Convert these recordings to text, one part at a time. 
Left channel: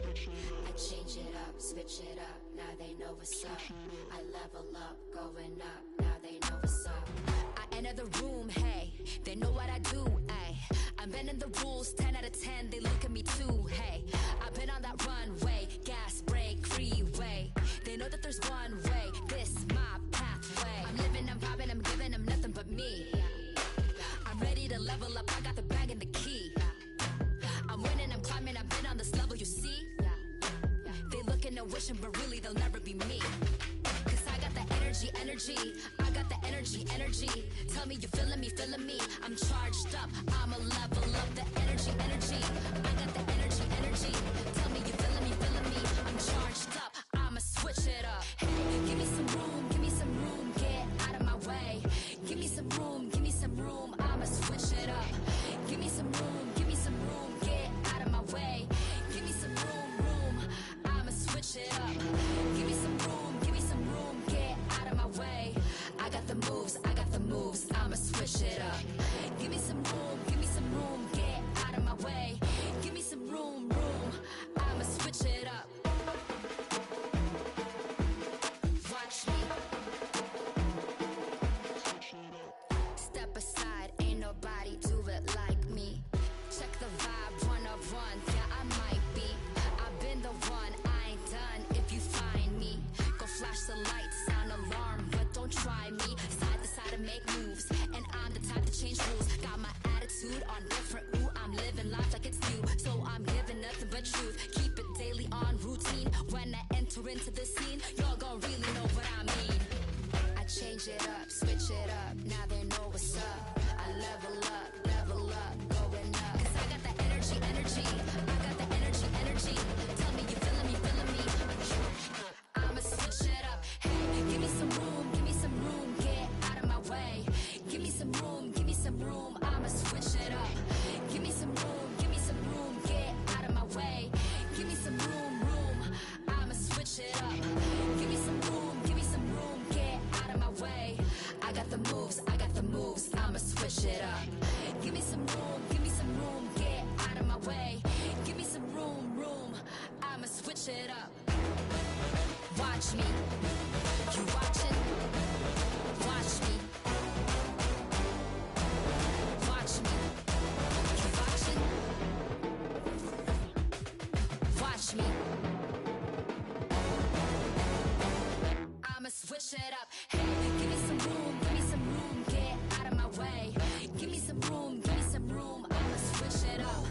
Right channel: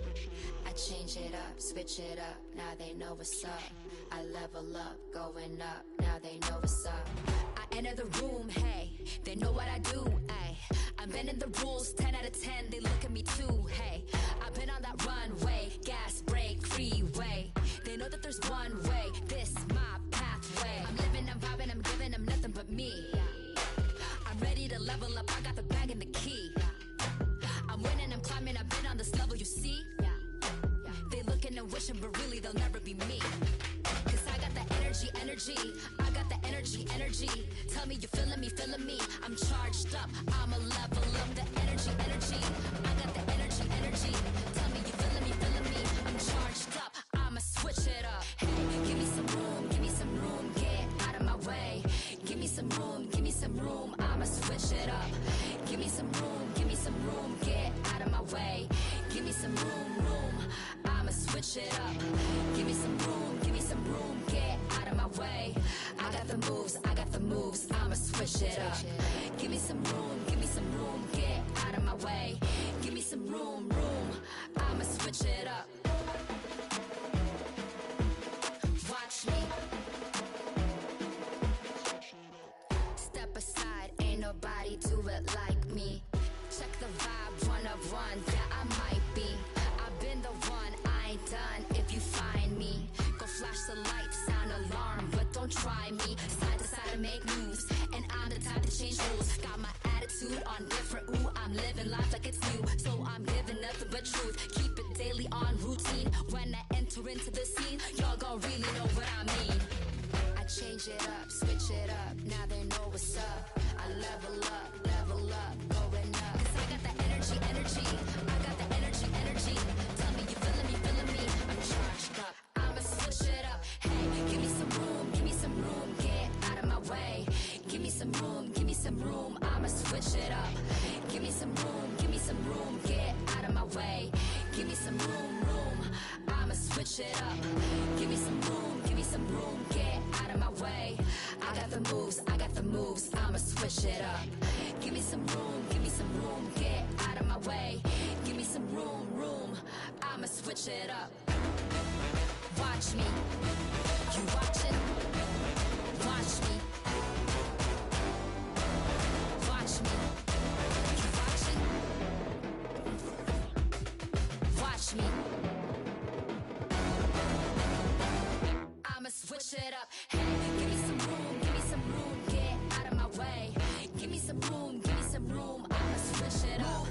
I change it up, switch it up, now they know what's up. I level up, going up, now they know what's up. I enter the room, hey, they know what I do, hey. I'm bending the rules, 10 out of 10, they look at me too, hey. I've been on that runway, gas, brake, freeway. They know that there's one way, this my pathway. I'm living, I'm popping, I'm giving them nothing but me. I'm ready to level up, I got the bag and the key. I'm winning, I'm climbing, I've been on this level, you see. They looking and wishing, but really they'll never be me. Cause I got the energy, I got the energy. Tell me you feeling me. I'm charged up, I'ma level up the energy. I got the energy. Tell me you feeling me. I'm charged up, I'ma switch it up. Hey, give me some room, get out of my way. Give me some room, I'ma switch it up. Give me some room, get out of my way. Give me some room, I'ma switch it up. Give me some room, get out of my way. I got the moves, I'ma switch it up. Give me some room, get out of my way. Give me some room, I'ma switch it up. Watch me. Step aside, ain't nobody do it like me. Check the vibe, 1 of 1, yeah I might be. I've been the one, I ain't done if you find me. Go flash the lights, sound alarm, but don't try me. Side to side and make moves, and I'm the type to change rules. Got my attitude on different, ooh, I'm living life like it's new. So I'm giving nothing but truth, keep it daily on routine. When I enter into the scene, y'all gon' really know what I mean. I change it up, switch it up, now they know what's up. I level up, going up. Cause I got the energy, I got the energy. Tell me you feeling me. I'm charged up, I'ma switch it up. Hey, give me some room, get out of my way. Give me some room, I'ma switch it up. Give me some room, get out of my way. Give me some room, I'ma switch it up. Give me some room, get out of my way. I got the moves, I'ma switch it up. Give me some room, get out of my way. Give me some room, I'ma switch it up. Watch me, you watching? Watch me. Watch me, you watching? Watch me. I'ma switch it up. Hey, give me some room, get out of my way. Give me some room, I'ma switch it up.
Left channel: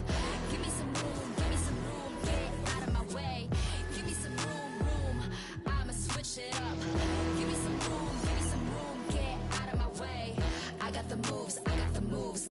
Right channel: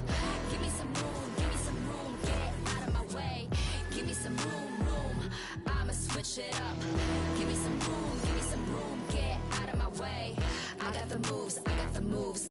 Give me some room, get out of my way. Give me some room, I'ma switch it up. Give me some room, get out of my way. I got the moves.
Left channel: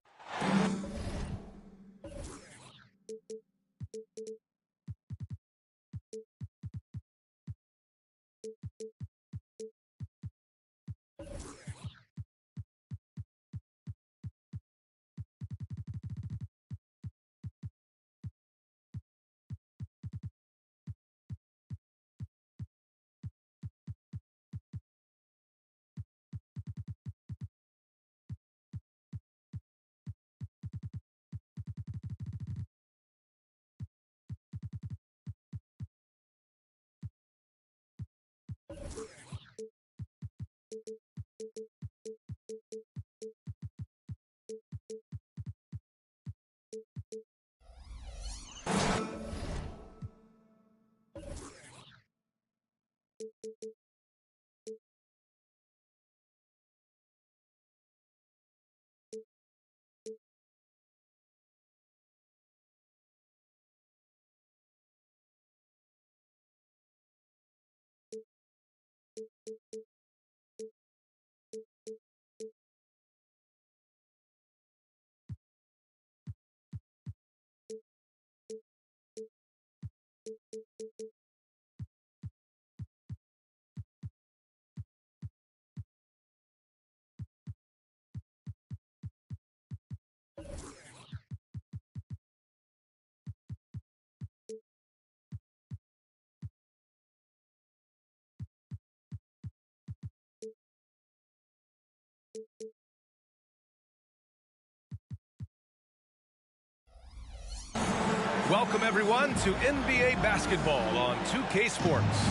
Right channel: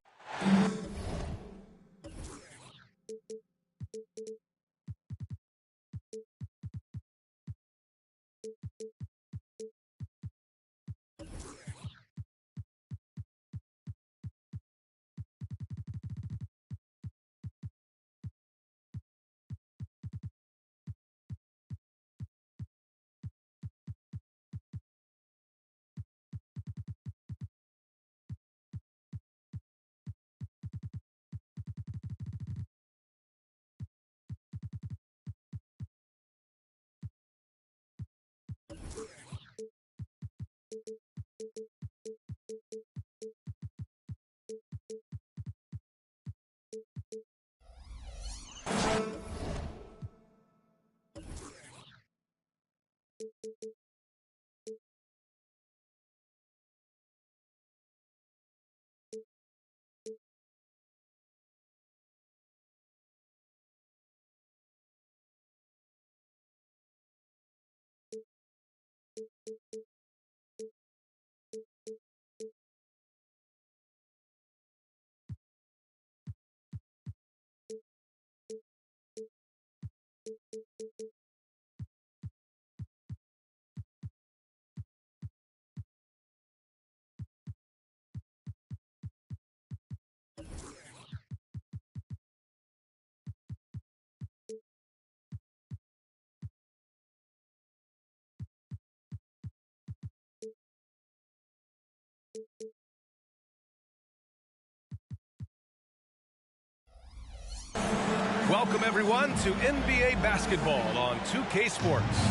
Welcome, everyone, to NBA basketball on 2K Sports.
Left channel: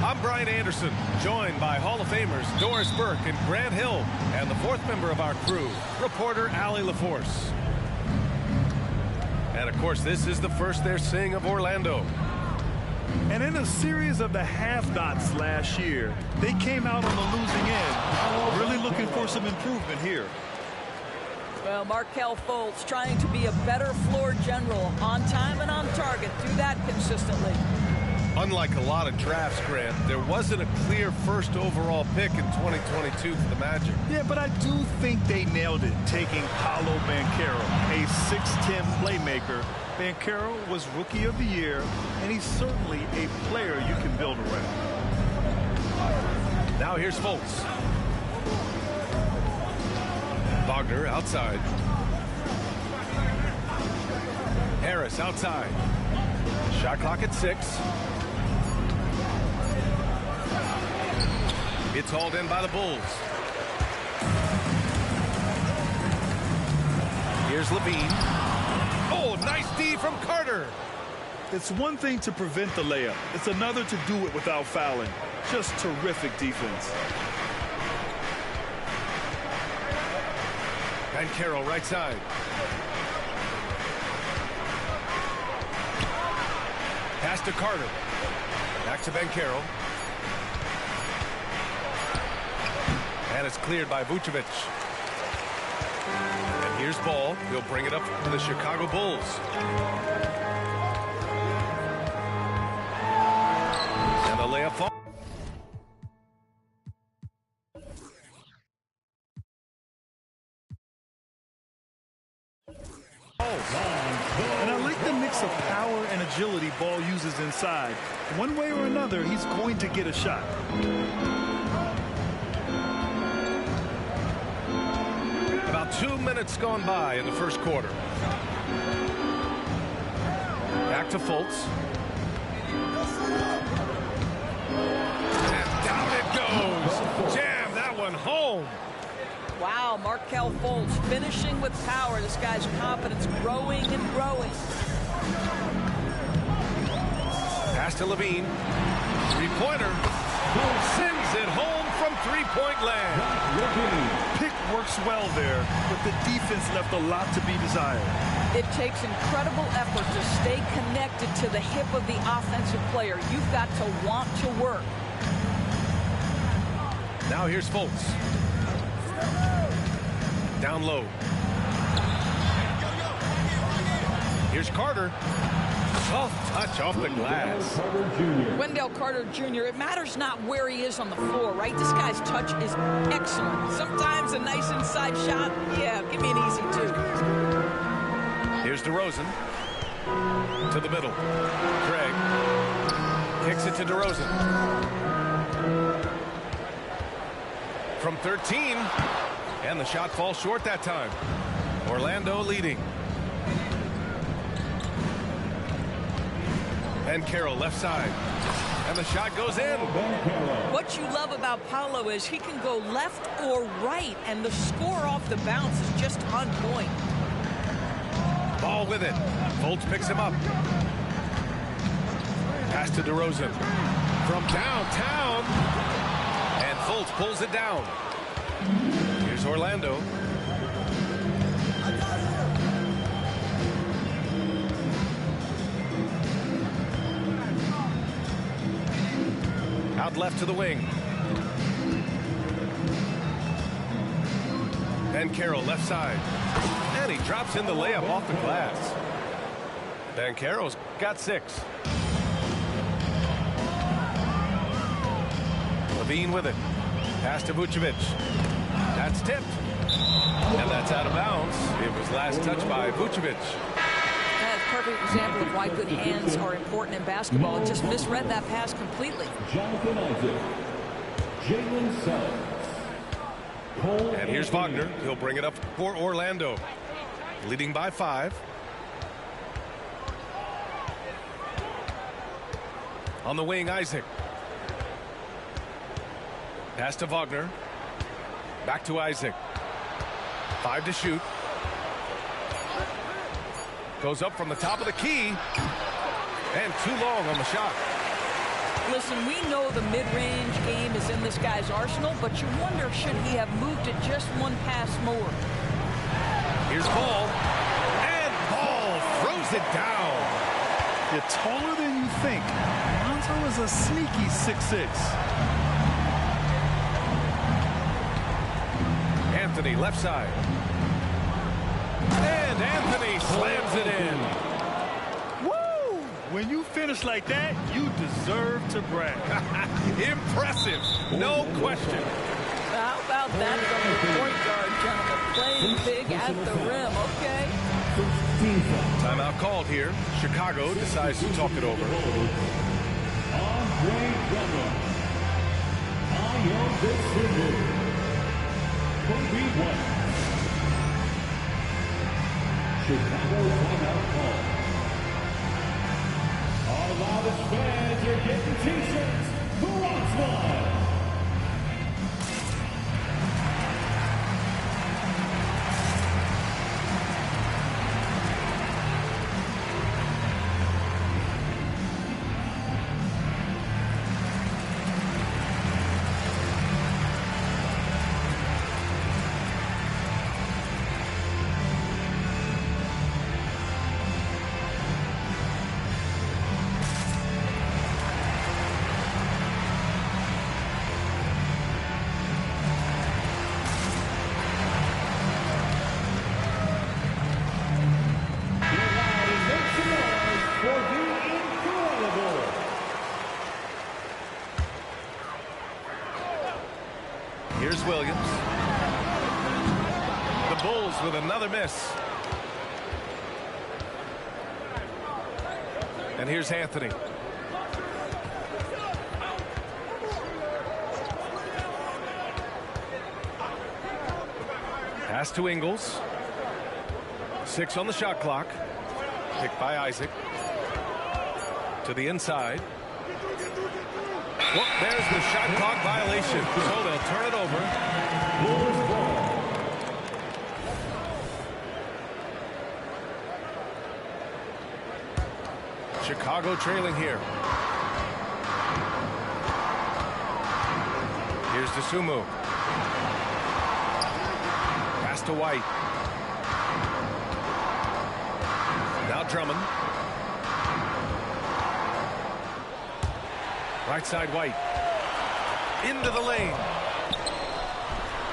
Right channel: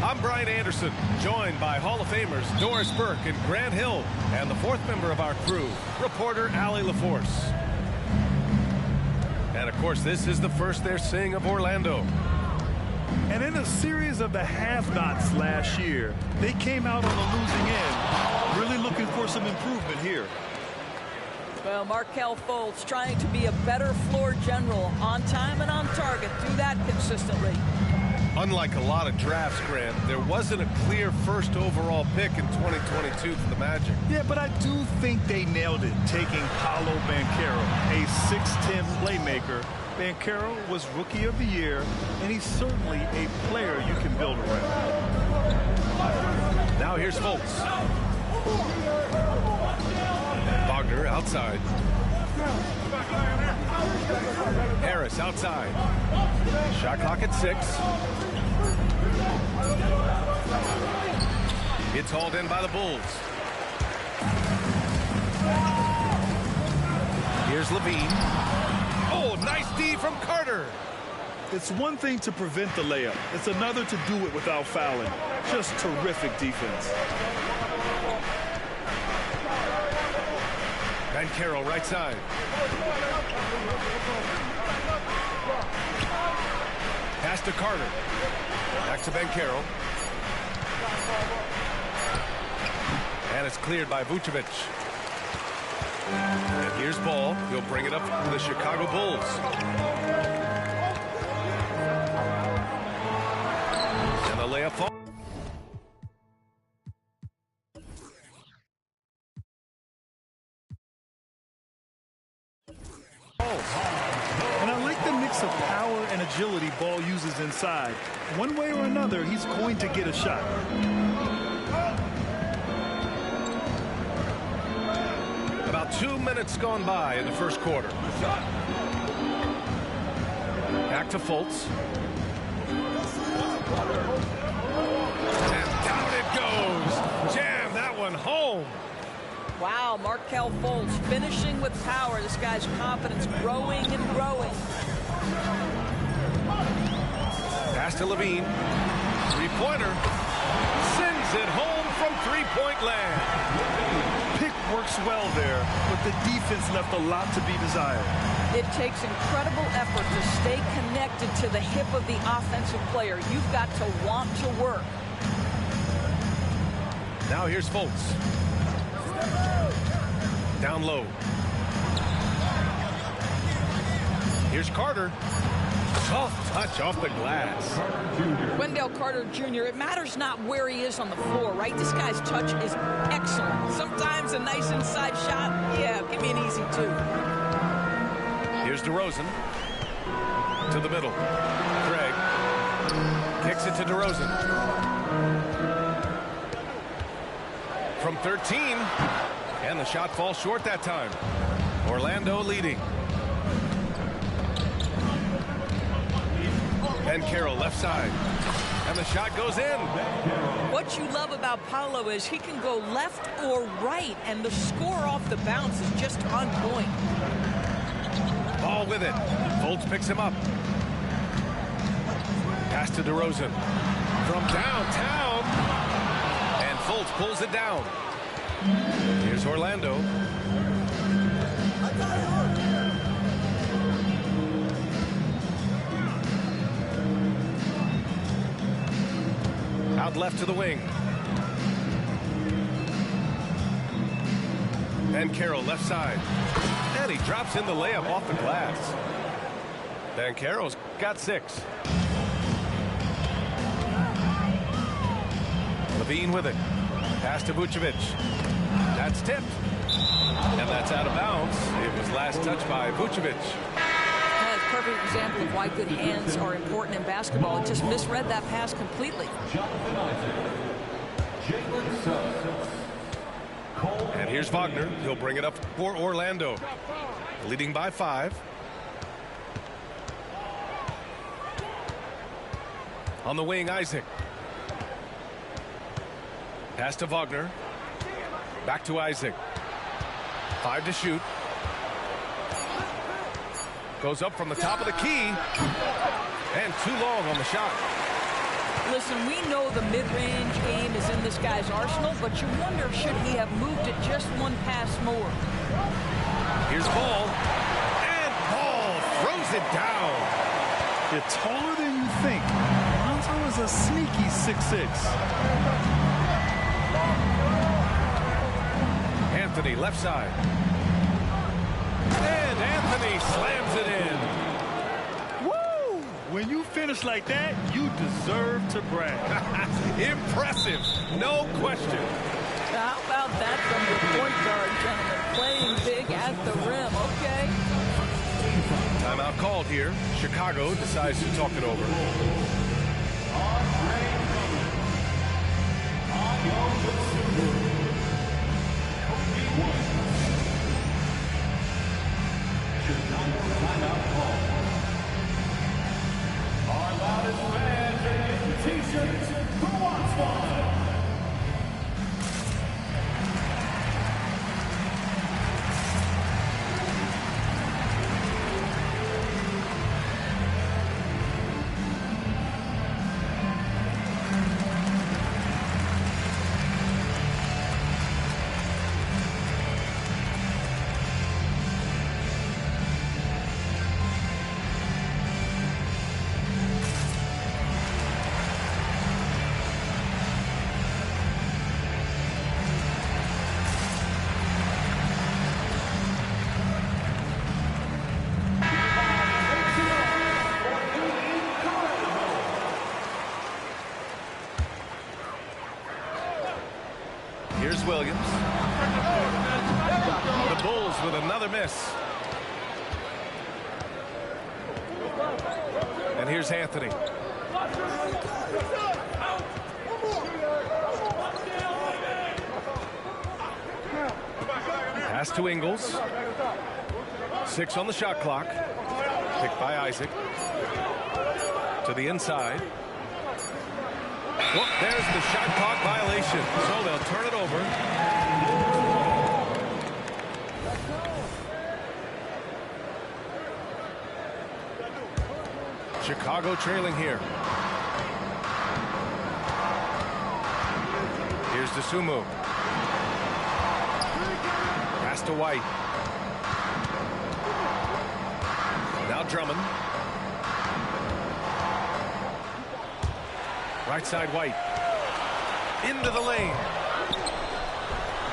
I'm Brian Anderson, joined by Hall of Famers Doris Burke and Grant Hill, and the fourth member of our crew, reporter Allie LaForce. And, of course, this is the first they're seeing of Orlando. And in a series of the have-nots last year, they came out on the losing end, really looking for some improvement here. Well, Markelle Fultz trying to be a better floor general, on time and on target. Do that consistently. Unlike a lot of drafts, Grant, there wasn't a clear first overall pick in 2022 for the Magic. Yeah, but I do think they nailed it, taking Paolo Banchero, a 6'10 playmaker. Banchero was Rookie of the Year, and he's certainly a player you can build around. Now here's Fultz. Wagner outside. Harris outside. Shot clock at 6. It's hauled in by the Bulls. Here's Levine. Oh, nice D from Carter. It's one thing to prevent the layup. It's another to do it without fouling. Just terrific defense. Banchero right side. Pass to Carter. Back to Banchero. And it's cleared by Vucevic. And here's Ball. He'll bring it up to the Chicago Bulls. And the layup falls. And I like the mix of power and agility Ball uses inside. One way or another, he's going to get a shot. About 2 minutes gone by in the first quarter. Back to Fultz. And down it goes. Jam that one home. Wow, Markelle Fultz finishing with power. This guy's confidence growing and growing. Pass to Levine. Three-pointer. Sends it home from three-point land. Pick works well there, but the defense left a lot to be desired. It takes incredible effort to stay connected to the hip of the offensive player. You've got to want to work. Now here's Fultz. Down low. Here's Carter. Soft touch off the glass. Wendell Carter Jr., it matters not where he is on the floor, right? This guy's touch is excellent. Sometimes a nice inside shot, yeah, give me an easy 2. Here's DeRozan. To the middle. Craig. Kicks it to DeRozan. From 13. And the shot falls short that time. Orlando leading. Banchero left side. And the shot goes in. What you love about Paolo is he can go left or right, and the score off the bounce is just on point. Ball with it. Fultz picks him up. Pass to DeRozan. From downtown. And Fultz pulls it down. Here's Orlando. Out left to the wing. Banchero left side. And he drops in the layup off the glass. Banchero's got 6. Levine with it. Pass to Vucevic. That's tipped. And that's out of bounds. It was last touched by Vucevic. That's a perfect example of why good hands are important in basketball. It just misread that pass completely. Jonathan Isaac. Jalen Suggs. And here's Wagner. He'll bring it up for Orlando. Leading by 5. On the wing, Isaac. Pass to Wagner. Back to Isaac. 5 to shoot. Goes up from the top of the key. And too long on the shot. Listen, we know the mid-range game is in this guy's arsenal, but you wonder, should he have moved it just one pass more? Here's Ball. And Ball throws it down. You're taller than you think. Lonzo is a sneaky 6'6". Anthony, left side. And Anthony slams it in. Woo! When you finish like that, you deserve to brag. Impressive, no question. How about that from the point guard, gentlemen? Playing big at the rim, okay. Timeout called here. Chicago decides to talk it over. Chicago timeout call. Our loudest fans are getting t-shirts. Who wants one? Here's Williams. The Bulls with another miss. And here's Anthony. Pass to Ingles. 6 on the shot clock. Picked by Isaac. To the inside. Well, there's the shot clock violation. So they'll turn it over. Chicago trailing here. Here's DeSumo. Pass to White. Now Drummond. Right side White. Into the lane.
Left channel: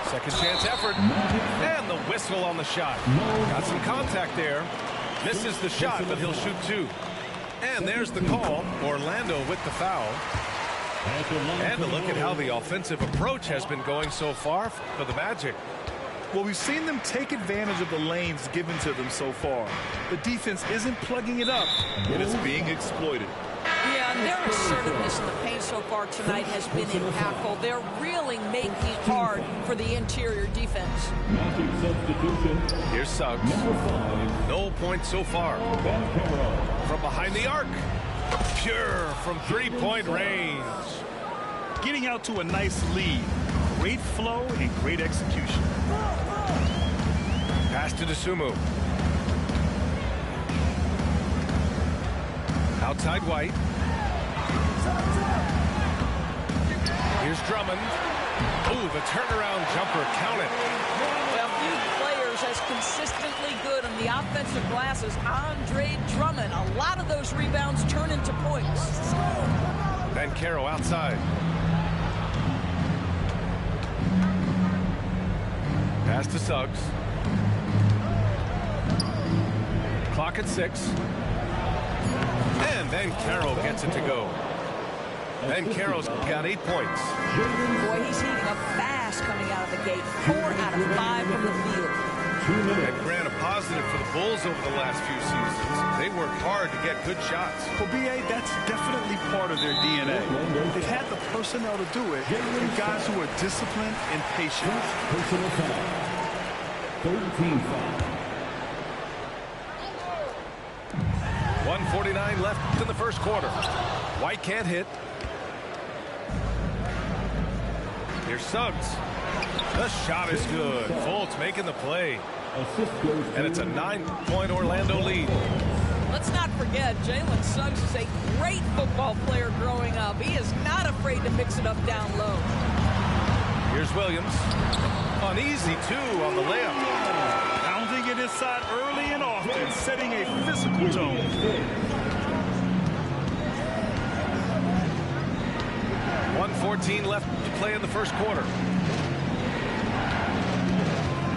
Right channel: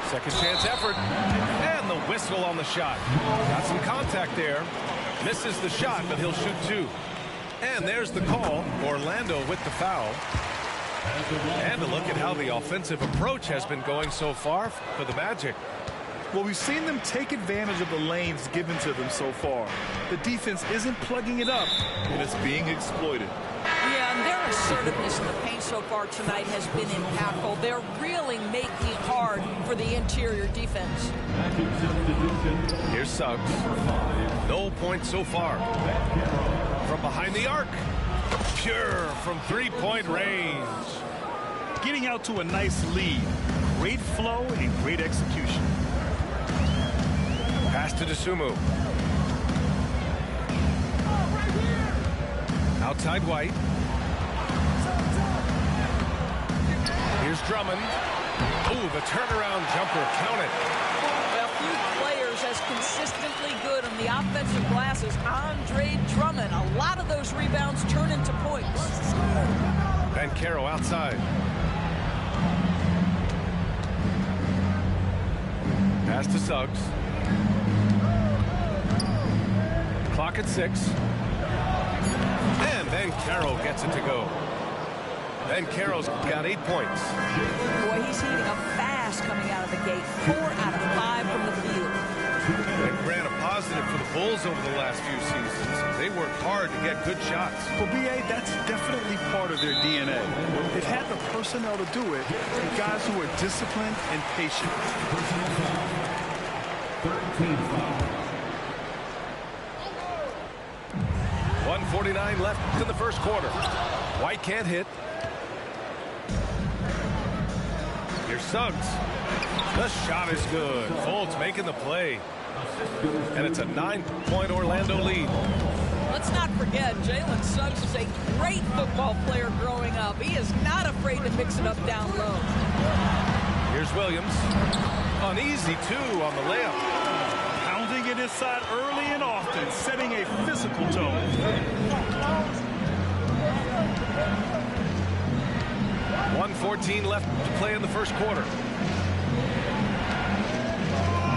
Second chance effort. And the whistle on the shot. Got some contact there. Misses the shot, but he'll shoot 2. And there's the call. Orlando with the foul. And a look at how the offensive approach has been going so far for the Magic. Well, we've seen them take advantage of the lanes given to them so far. The defense isn't plugging it up, and it's being exploited. Yeah, and their assertiveness in the paint so far tonight has been impactful. They're really making it hard for the interior defense. Here's Suggs. No points so far. From behind the arc. Pure from three-point range. Getting out to a nice lead. Great flow and great execution. Pass to DeSumo. Outside White. Here's Drummond. Oh, the turnaround jumper. Count it. Well, few players as consistently good on the offensive glass as Andre Drummond. A lot of those rebounds turn into points. Banchero outside. Pass to Suggs. Clock at 6. And Banchero gets it to go. Banchero's got 8 points. Boy, he's heating up fast coming out of the gate. 4 out of 5 from the field. And Grant, a positive for the Bulls over the last few seasons. They work hard to get good shots. Well, B.A., that's definitely part of their DNA. They've had the personnel to do it, and guys who are disciplined and patient. Personal foul. 13 foul. 1:49 left in the first quarter. White can't hit. Here's Suggs. The shot is good. Fultz making the play. Assist goes And it's a 9-point Orlando lead. Let's not forget, Jalen Suggs was a great football player growing up. He is not afraid to mix it up down low. Here's Williams. An easy 2 on the layup. Pounding it inside early and often, setting a physical tone. .114 left to play in the first quarter.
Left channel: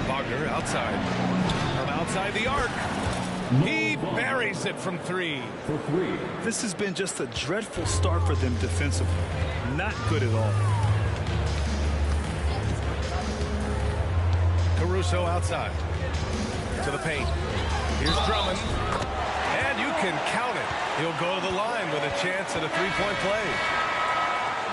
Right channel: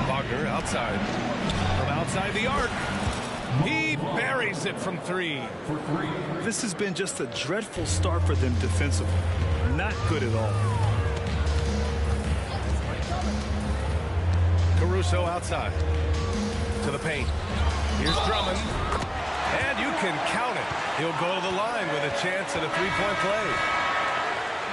Wagner outside. From outside the arc. He buries it from 3. for 3. This has been just a dreadful start for them defensively. Not good at all. Caruso outside. To the paint. Here's Drummond. And you can count it. He'll go to the line with a chance at a 3-point play.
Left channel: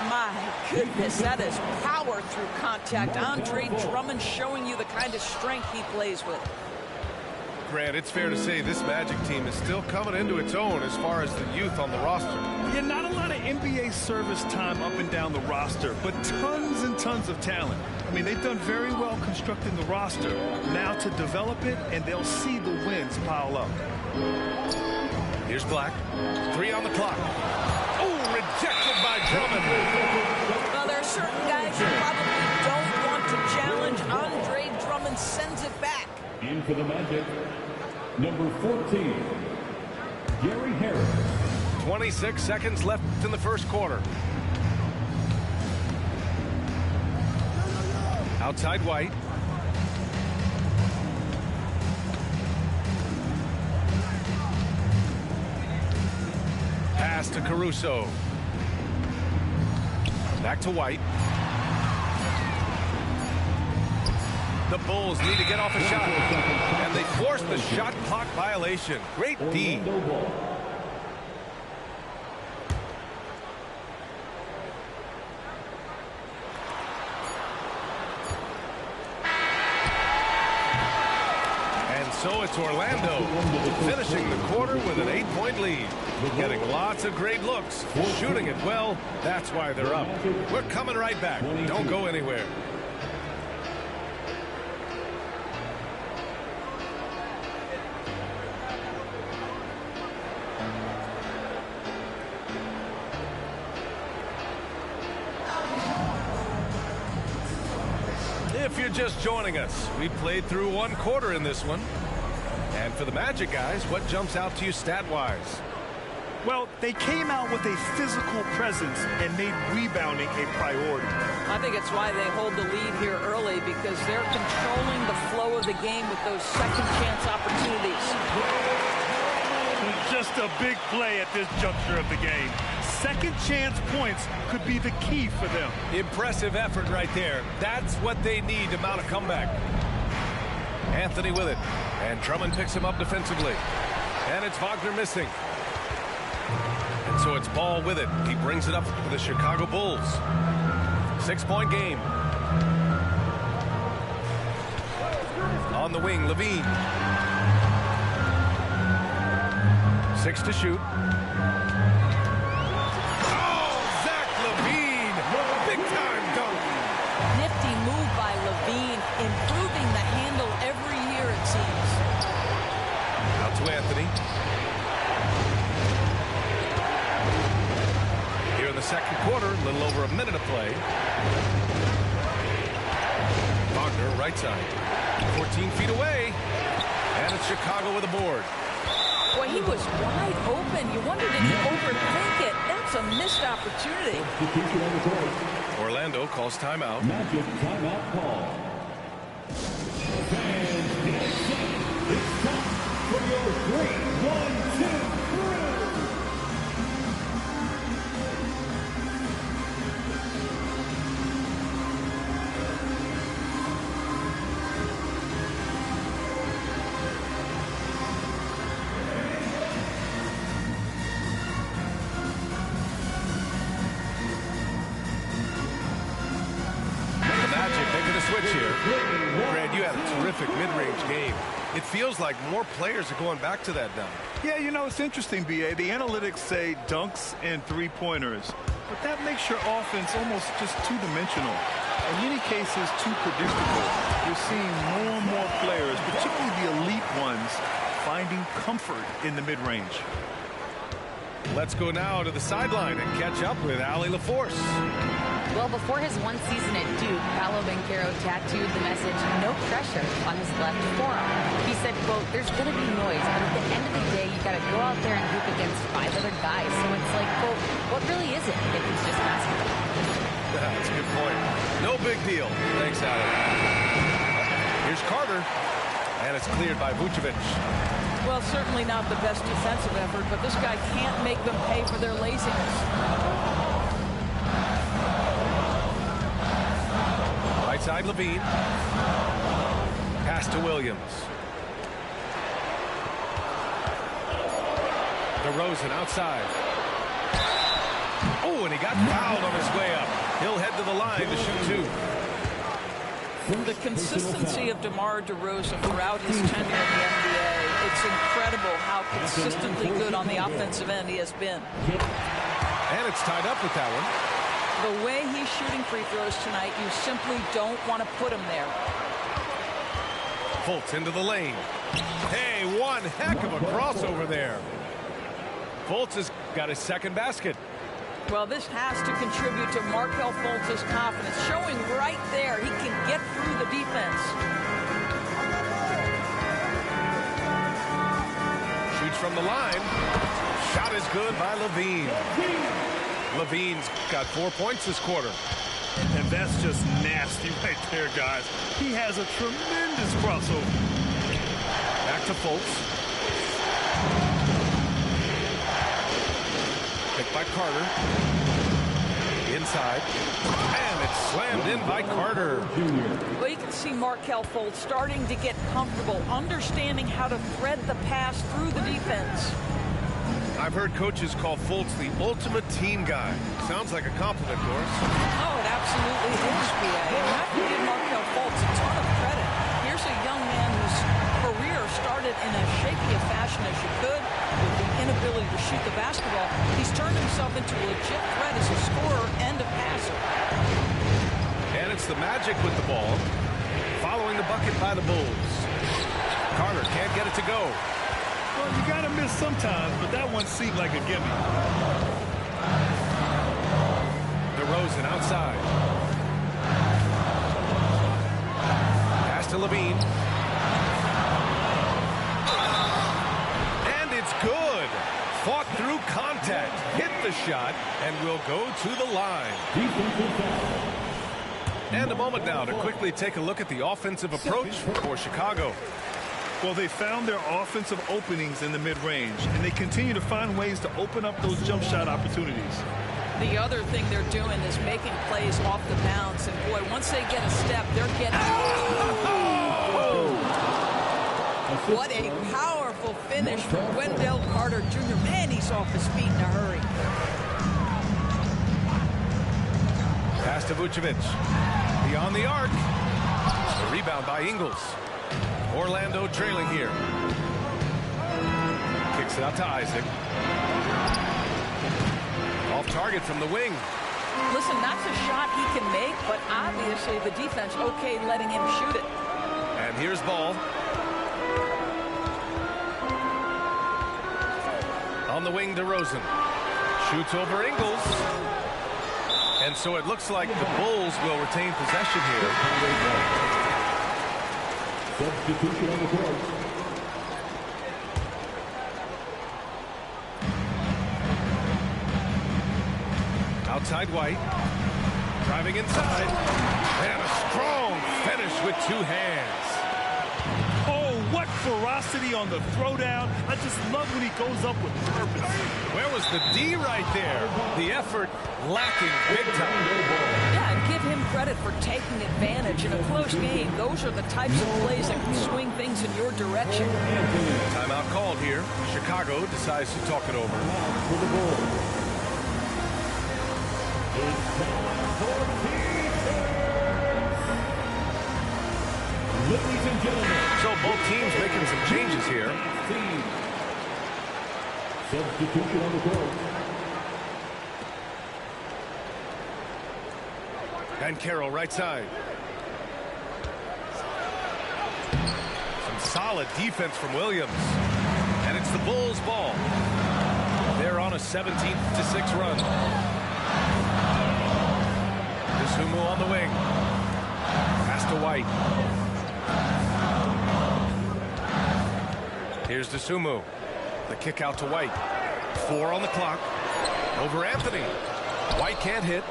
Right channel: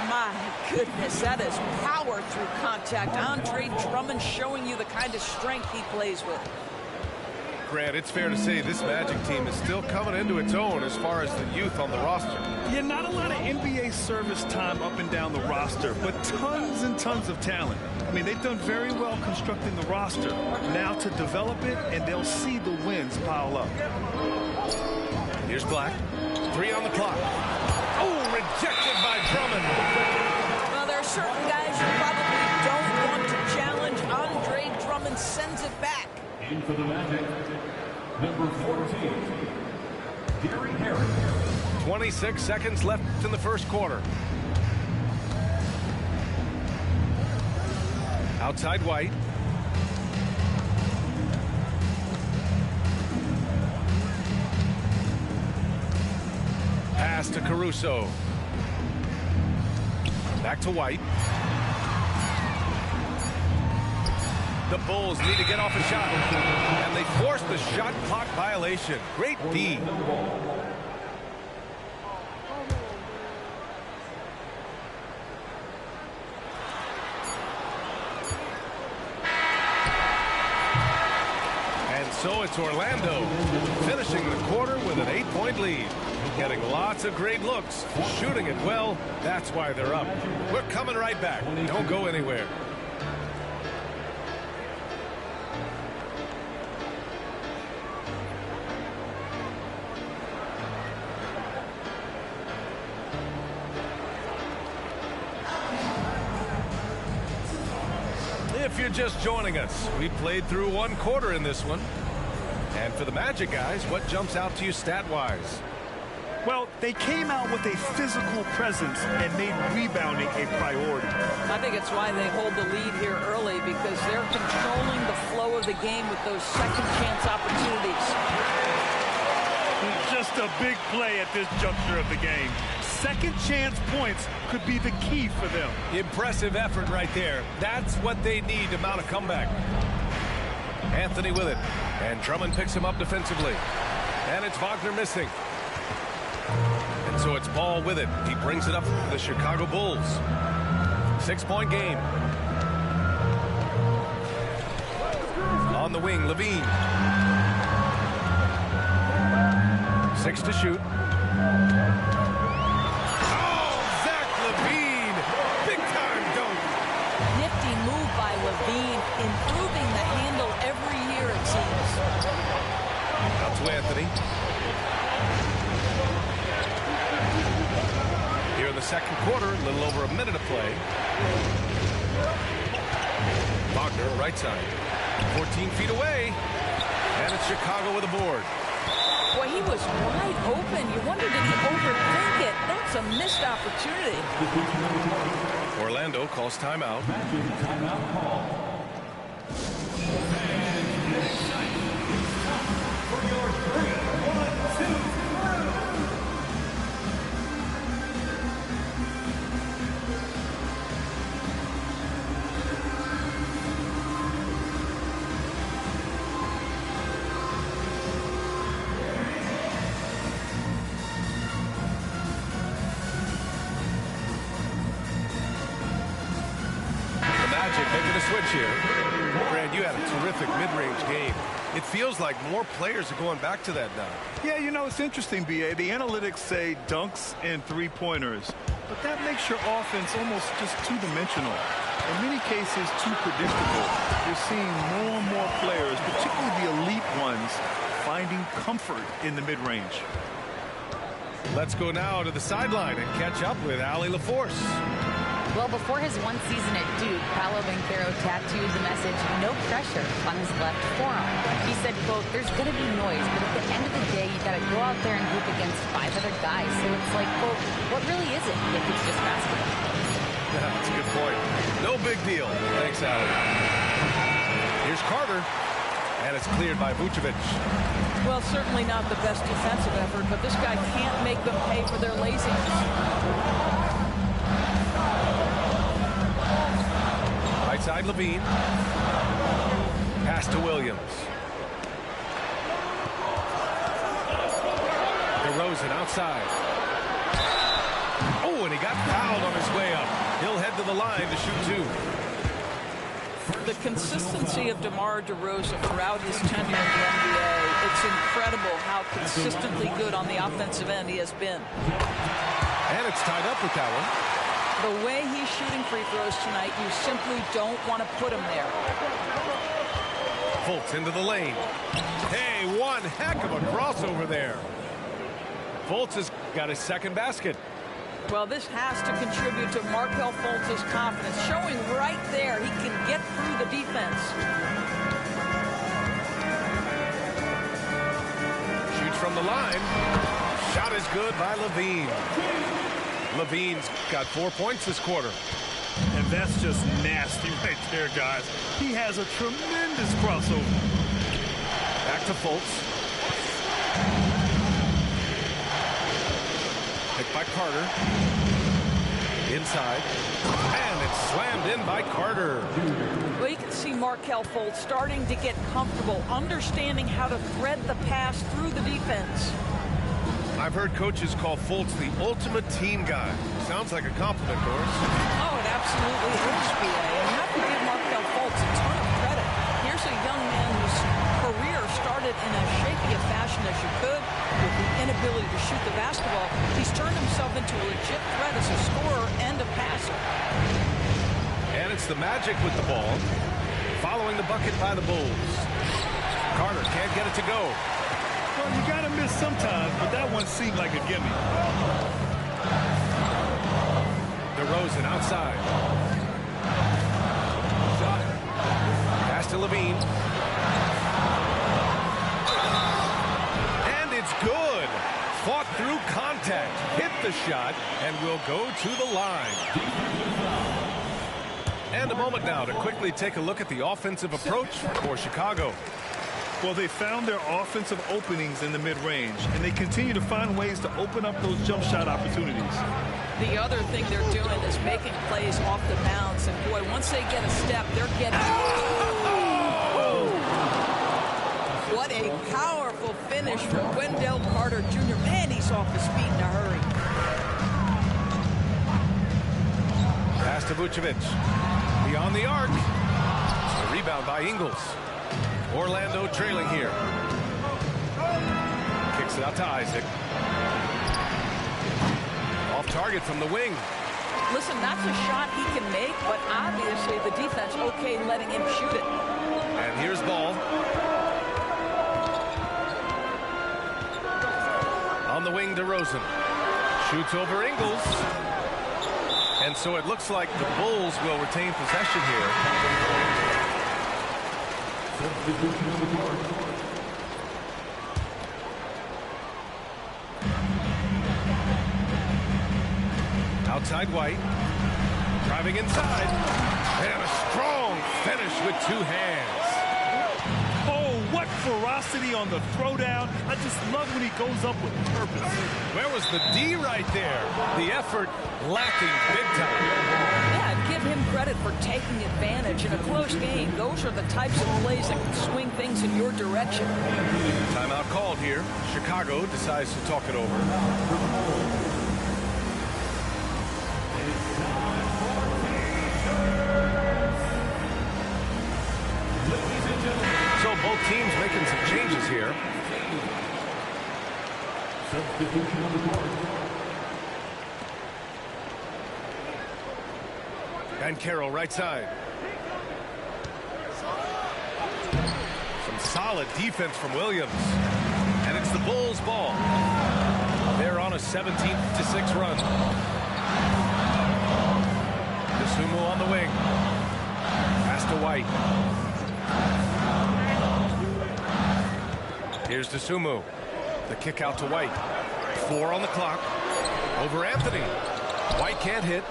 My goodness, that is power through contact. Andre Drummond showing you the kind of strength he plays with. Grant, it's fair to say this Magic team is still coming into its own as far as the youth on the roster. Yeah, not a lot of NBA service time up and down the roster, but tons and tons of talent. I mean, they've done very well constructing the roster. Now to develop it, and they'll see the wins pile up. Here's Black. 3 on the clock. Oh, rejected by Drummond. Well, there are certain guys you probably don't want to challenge. Andre Drummond sends it back. In for the Magic, number 14, Gary Harris. 26 seconds left in the first quarter. Outside White. Pass to Caruso. Back to White. The Bulls need to get off a shot. And they force the shot clock violation. Great D. And so it's Orlando finishing the quarter with an 8-point lead. Getting lots of great looks, shooting it well. That's why they're up. We're coming right back. Don't go anywhere. If you're just joining us, we played through one quarter in this one. And for the Magic guys, what jumps out to you stat-wise? Well, they came out with a physical presence and made rebounding a priority. I think it's why they hold the lead here early, because they're controlling the flow of the game with those second chance opportunities. Just a big play at this juncture of the game. Second chance points could be the key for them. Impressive effort right there. That's what they need to mount a comeback. Anthony with it. And Drummond picks him up defensively. And it's Wagner missing. And so it's Ball with it. He brings it up to the Chicago Bulls. 6-point game. On the wing, Levine. 6 to shoot. Levine, big time dunk. Nifty move by Levine, improving the handle every year, it seems. Out to Anthony. Here in the second quarter, a little over a minute to play. Wagner, right side. 14 feet away. And it's Chicago with a board. Boy, he was wide open. You wonder, did he overthink it? That's a missed opportunity. Orlando calls timeout. Magic timeout call. Fans get excited. It's time for your 3-1-2 crew. Magic making a switch here. Brad, you had a terrific mid-range game. It feels like more players are going back to that now. Yeah, you know, it's interesting, B.A. The analytics say dunks and three-pointers, but that makes your offense almost just two-dimensional. In many cases, too predictable. You're seeing more and more players, particularly the elite ones, finding comfort in the mid-range. Let's go now to the sideline and catch up with Allie LaForce. Well, before his one season at Duke, Paolo Banchero tattooed the message, "No pressure," on his left forearm. He said, quote, "There's going to be noise, but at the end of the day, you got to go out there and hoop against 5 other guys. So it's like, quote, what really is it if it's just basketball?" Yeah, that's a good point. No big deal. Thanks, Allie. Here's Carter, and it's cleared by Vucevic. Well, certainly not the best defensive effort, but this guy can't make them pay for their laziness. Right side, Levine. Pass to Williams. DeRozan outside. Oh, and he got fouled on his way up. He'll head to the line to shoot 2. The consistency of DeMar DeRozan throughout his tenure in the NBA, it's incredible how consistently good on the offensive end he has been. And it's tied up with that one. The way he's shooting free throws tonight, you simply don't want to put him there. Fultz into the lane. Hey, one heck of a crossover there. Fultz has got his second basket. Well, this has to contribute to Markelle Fultz's confidence, showing right there he can get through the defense. Shoots from the line. Shot is good by Levine. Levine's got 4 points this quarter. And that's just nasty right there, guys. He has a tremendous crossover. Back to Fultz. Picked by Carter. Inside. And it's slammed in by Carter. Well, you can see Markelle Fultz starting to get comfortable, understanding how to thread the pass through the defense. I've heard coaches call Fultz the ultimate team guy. Sounds like a compliment, Doris. Oh, it absolutely is, B.A. And you have to give Markelle Fultz a ton of credit. Here's a young man whose career started in as shaky a fashion as you could. With the inability to shoot the basketball, he's turned himself into a legit threat as a scorer and a passer. And it's the Magic with the ball. Following the bucket by the Bulls. Carter can't get it to go. Well, you got to miss sometimes, but that one seemed like a gimme. DeRozan outside. Pass to Levine. And it's good. Fought through contact. Hit the shot and will go to the line. And a moment now to quickly take a look at the offensive approach for Chicago. Well, they found their offensive openings in the mid-range, and they continue to find ways to open up those jump shot opportunities. The other thing they're doing is making plays off the bounce, and boy, once they get a step, they're getting... Oh! What a powerful finish from Wendell Carter Jr. Man, he's off his feet in a hurry. Pass to Vucevic. Beyond the arc. The rebound by Ingles. Orlando trailing here. Kicks it out to Isaac. Off target from the wing. Listen, that's a shot he can make, but obviously the defense okay letting him shoot it. And here's Ball. On the wing, DeRozan. Shoots over Ingles. And so it looks like the Bulls will retain possession here. Substitution on the court. Outside White. Driving inside. And a strong finish with 2 hands. Oh, what ferocity on the throwdown. I just love when he goes up with purpose. Where was the D right there? The effort lacking big time. Yeah, and give him credit for taking advantage in a close game. Those are the types of plays that can swing things in your direction. Timeout called here. Chicago decides to talk it over. For the Bulls. It's time for defense. Ladies and gentlemen. So both teams making some changes here. Substitution on the court. Banchero right side. Some solid defense from Williams. And it's the Bulls' ball. They're on a 17-6 run. Sumu on the wing. Pass to White. Here's Sumu. The kick out to White. 4 on the clock. Over Anthony. White can't hit.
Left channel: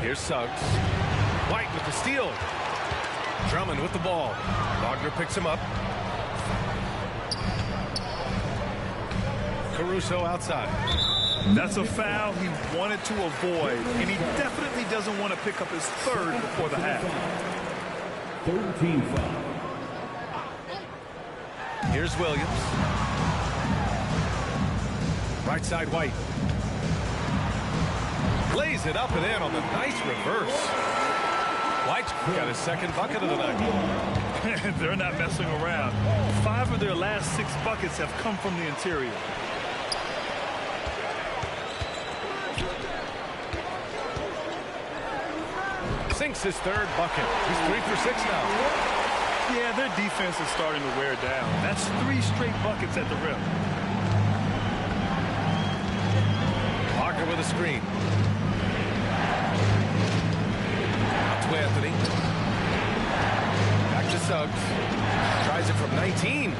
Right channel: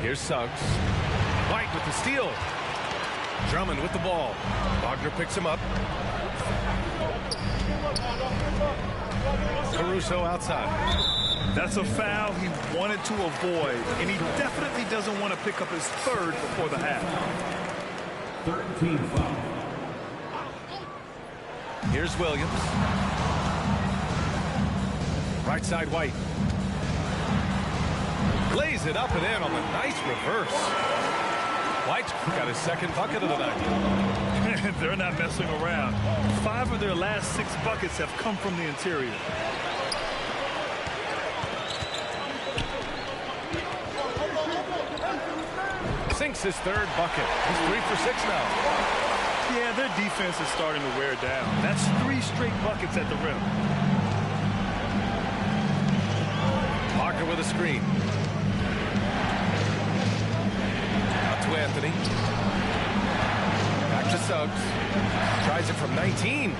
Here's Suggs. White with the steal. Drummond with the ball. Wagner picks him up. Caruso outside. That's a foul he wanted to avoid, and he definitely doesn't want to pick up his third before the half. Third team foul. Here's Williams. Right side White. Lays it up and in on the nice reverse. White's got his second bucket of the night. They're not messing around. 5 of their last 6 buckets have come from the interior. Sinks his third bucket. He's 3 for 6 now. Yeah, their defense is starting to wear down. That's 3 straight buckets at the rim. Wagner with a screen. Out to Anthony. Back to Suggs. Tries it from 19.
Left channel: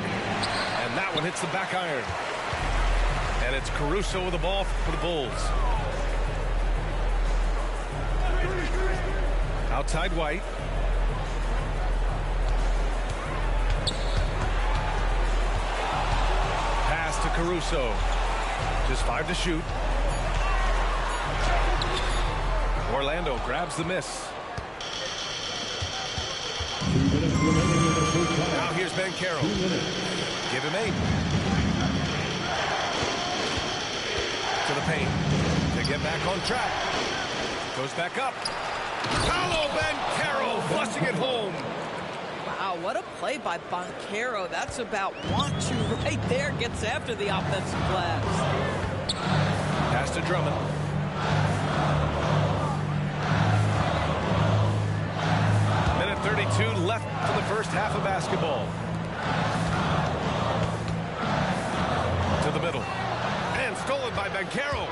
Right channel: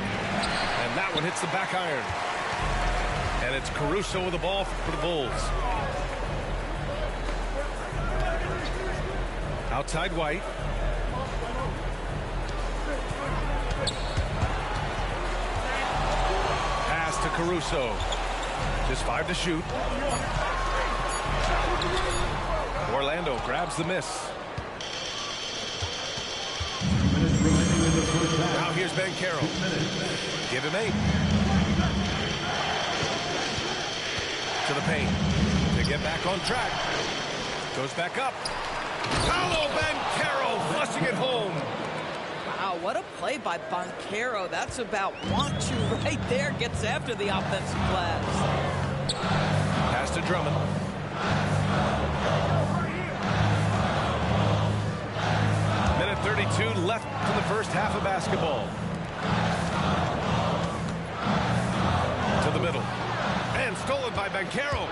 And that one hits the back iron. And it's Caruso with the ball for the Bulls. Outside White. Pass to Caruso. Just 5 to shoot. Orlando grabs the miss. 2 minutes remaining in the first half. Now here's Banchero. 2 minutes. Give him 8. To the paint. They get back on track. Goes back up. Paolo Banchero flushing it home. Wow, what a play by Banchero. That's about want to right there. Gets after the offensive glass. Pass to Drummond. Minute 32 left in the first half of basketball. To the middle. And stolen by Banchero.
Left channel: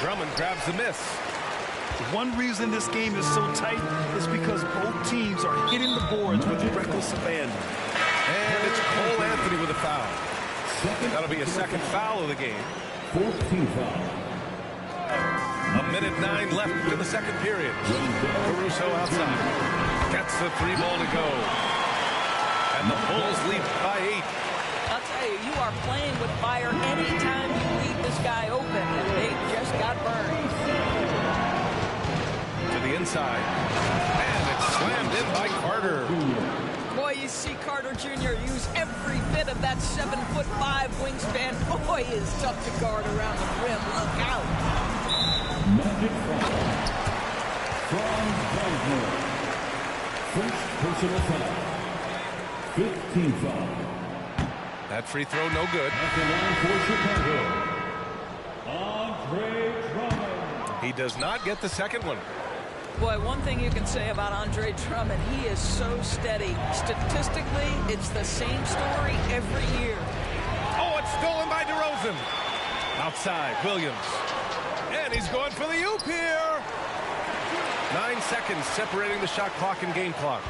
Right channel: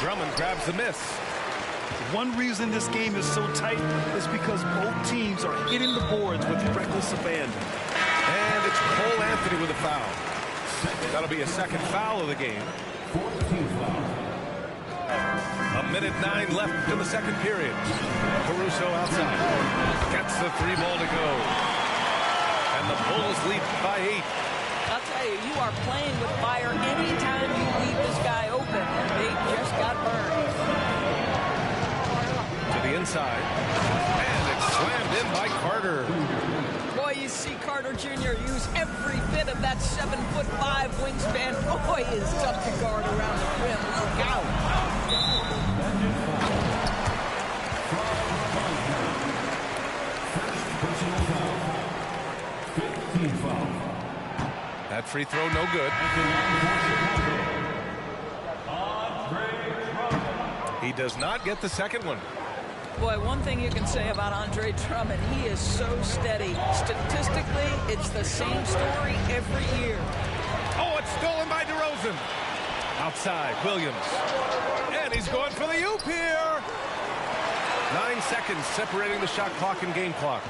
Drummond grabs the miss. One reason this game is so tight is because both teams are hitting the boards with reckless abandon. And it's Cole Anthony with a foul. That'll be a second foul of the game. Fourth team foul. A minute 9 left in the second period. Caruso outside. Gets the 3 ball to go. And the Bulls lead by 8. I'll tell you, you are playing with fire anytime you leave this guy open, and they just got burned. To the inside. And it's slammed in by Carter. Boy, you see Carter Jr. use every bit of that 7'5" wingspan. Boy, he is tough to guard around the rim. Look out. Magic foul. Franz Wagner. First personal foul. Fifth team foul. That free throw no good. At the line for Chicago, Andre Drummond. He does not get the second one. Boy, one thing you can say about Andre Drummond, he is so steady. Statistically, it's the same story every year. Oh, it's stolen by DeRozan. Outside, Williams. And he's going for the oop here. 9 seconds separating the shot clock and game clock.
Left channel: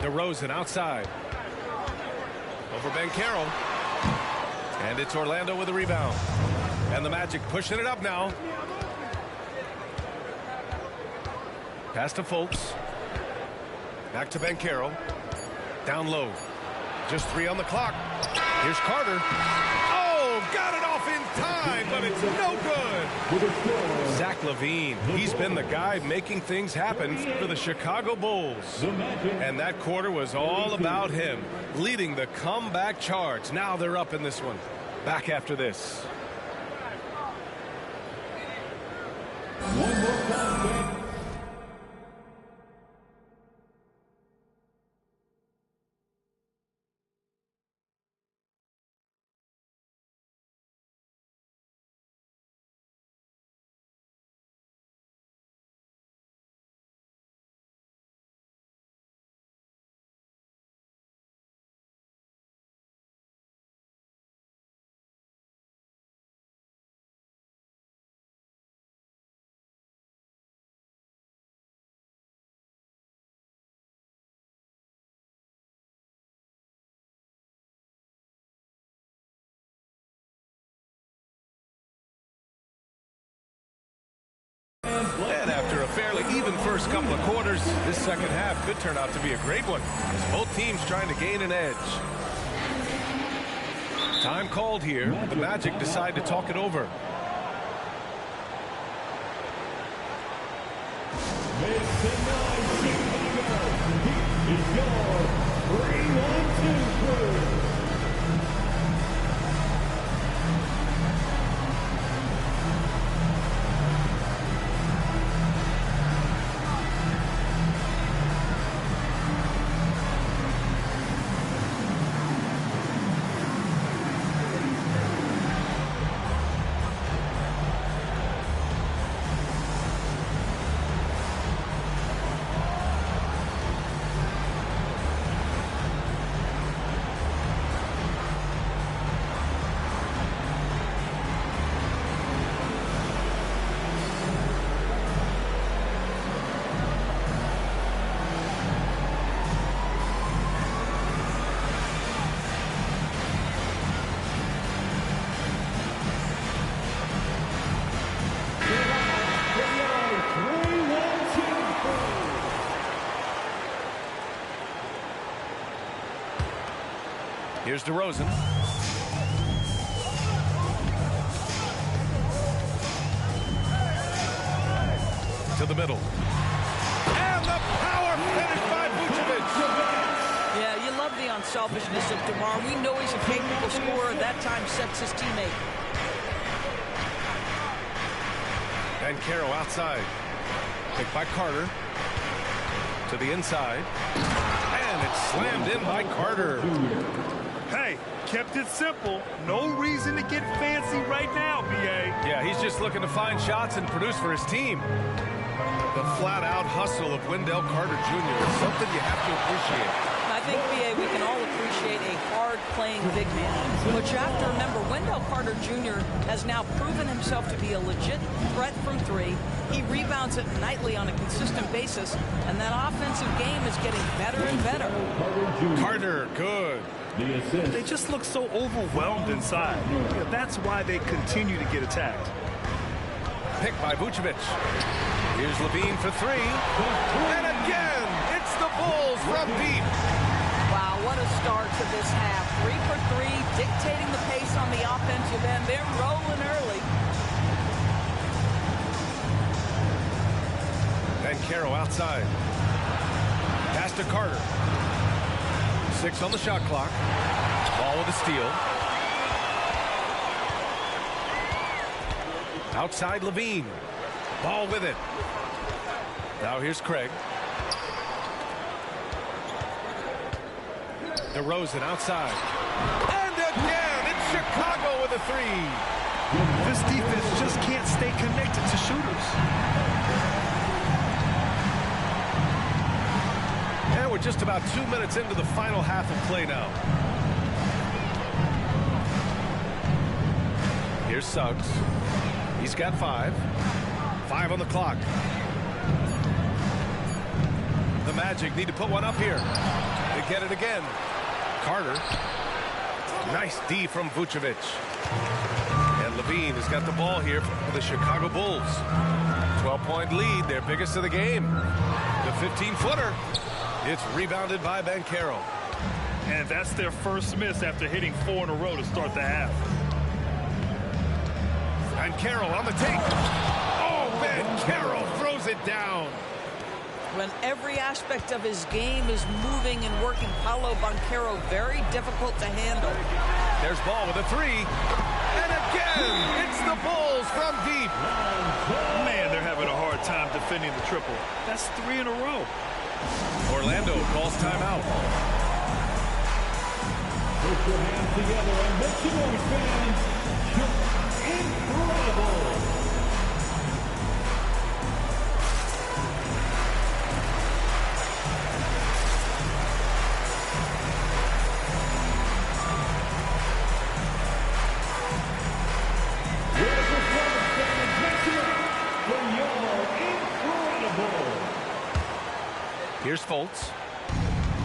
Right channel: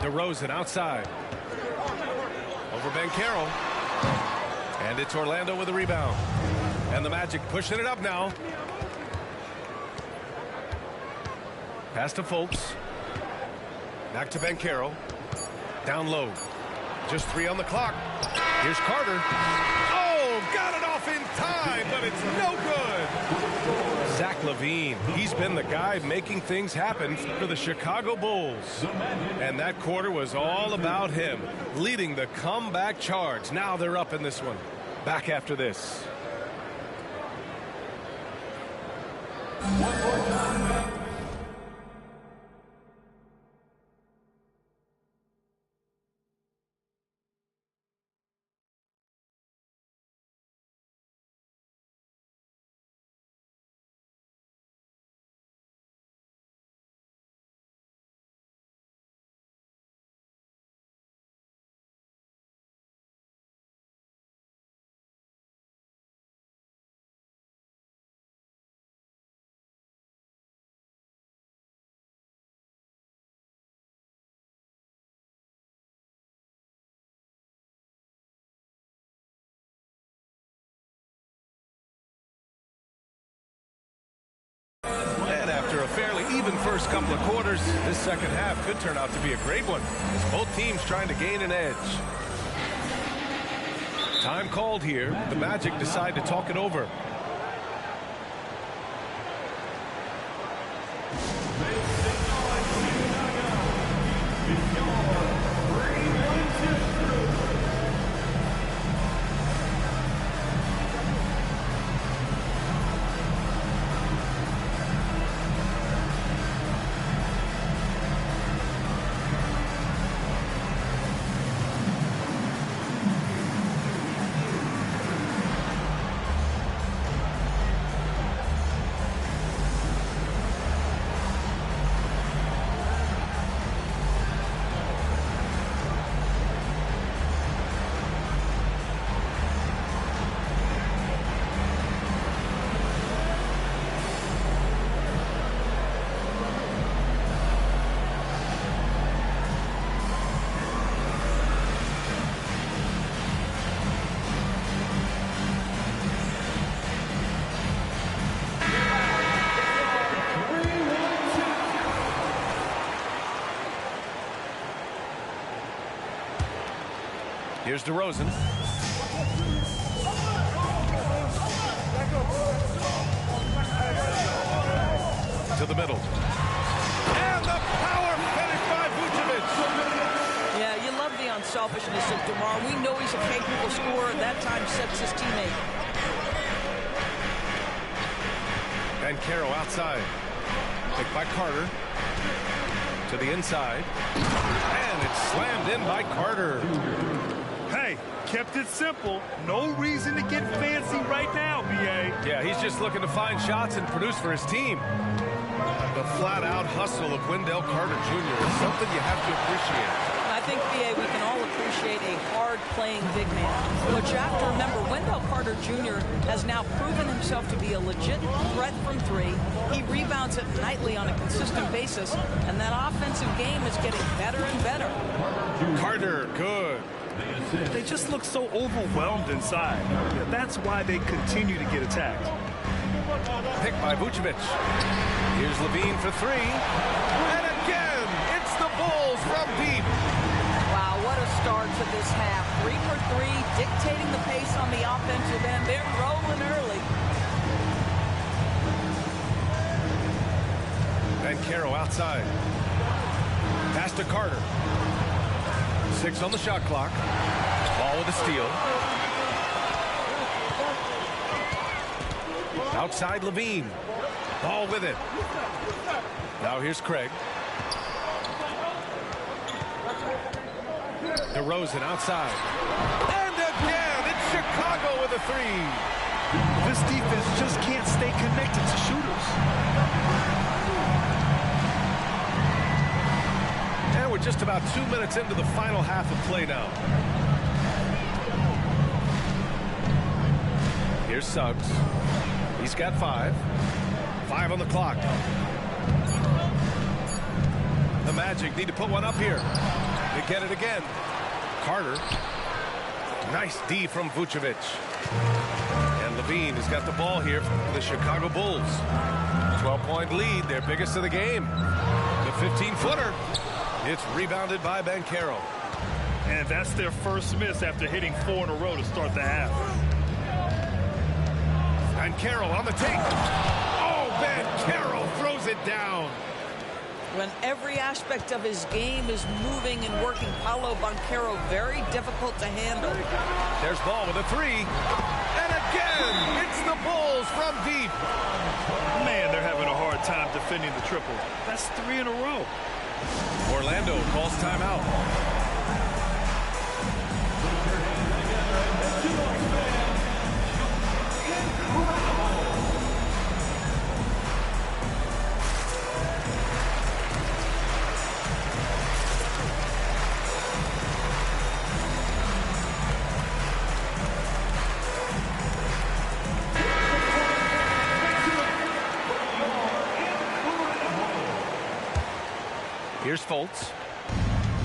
DeRozan outside. Over Banchero. And it's Orlando with a rebound. And the Magic pushing it up now. Pass to Fultz. Back to Banchero. Down low. Just 3 on the clock. Here's Carter. Oh, got it off in time, but it's no good. Zach LaVine, he's been the guy making things happen for the Chicago Bulls. And that quarter was all about him, leading the comeback charge. Now they're up in this one. Back after this. One more time back. And after a fairly even first couple of quarters, this second half could turn out to be a great one, as both teams trying to gain an edge. Time called here. The Magic decide to talk it over. Make some noise, Chicago. It's your 3-1-2 crew. Here's DeRozan. To the middle. And the power finish by Vucevic. Yeah, you love the unselfishness of DeMar. We know he's a capable scorer. That time sets his teammate. And Caro outside. Picked by Carter. To the inside. And it's slammed in by Carter. Hey, kept it simple. No reason to get fancy right now, B.A. Yeah, he's just looking to find shots and produce for his team. The flat-out hustle of Wendell Carter Jr. is something you have to appreciate. I think, B.A., we can all appreciate a hard-playing big man. But you have to remember, Wendell Carter Jr. has now proven himself to be a legit threat from three. He rebounds it nightly on a consistent basis, and that offensive game is getting better and better. Carter, good. They just look so overwhelmed inside. Yeah, that's why they continue to get attacked. Picked by Vucevic. Here's Levine for three. And again, it's the Bulls from deep. Wow, what a start to this half. 3 for 3, dictating the pace on the offensive end. They're rolling early. And Caro outside. Pass to Carter. 6 on the shot clock. Ball with a steal. Outside Levine. Ball with it. Now here's Craig. DeRozan outside. And again, it's Chicago with a three. This defense just can't stay connected to shooters. And we're just about 2 minutes into the final half of play now. Here's Suggs. He's got 5. 5 on the clock. The Magic need to put one up here. They get it again. Carter. Nice D from Vucevic. And Levine has got the ball here for the Chicago Bulls. 12-point lead, their biggest of the game. The 15-footer. It's rebounded by Banchero. And that's their first miss after hitting 4 in a row to start the half. Banchero on the take. Oh, Banchero throws it down. When every aspect of his game is moving and working, Paolo Banchero very difficult to handle. There's ball with a three. And again, it's the Bulls from deep. Man, they're having a hard time defending the triple. That's 3 in a row. Orlando calls timeout. Put your hands together and make some noise, fans. Incredible. Here's Fultz.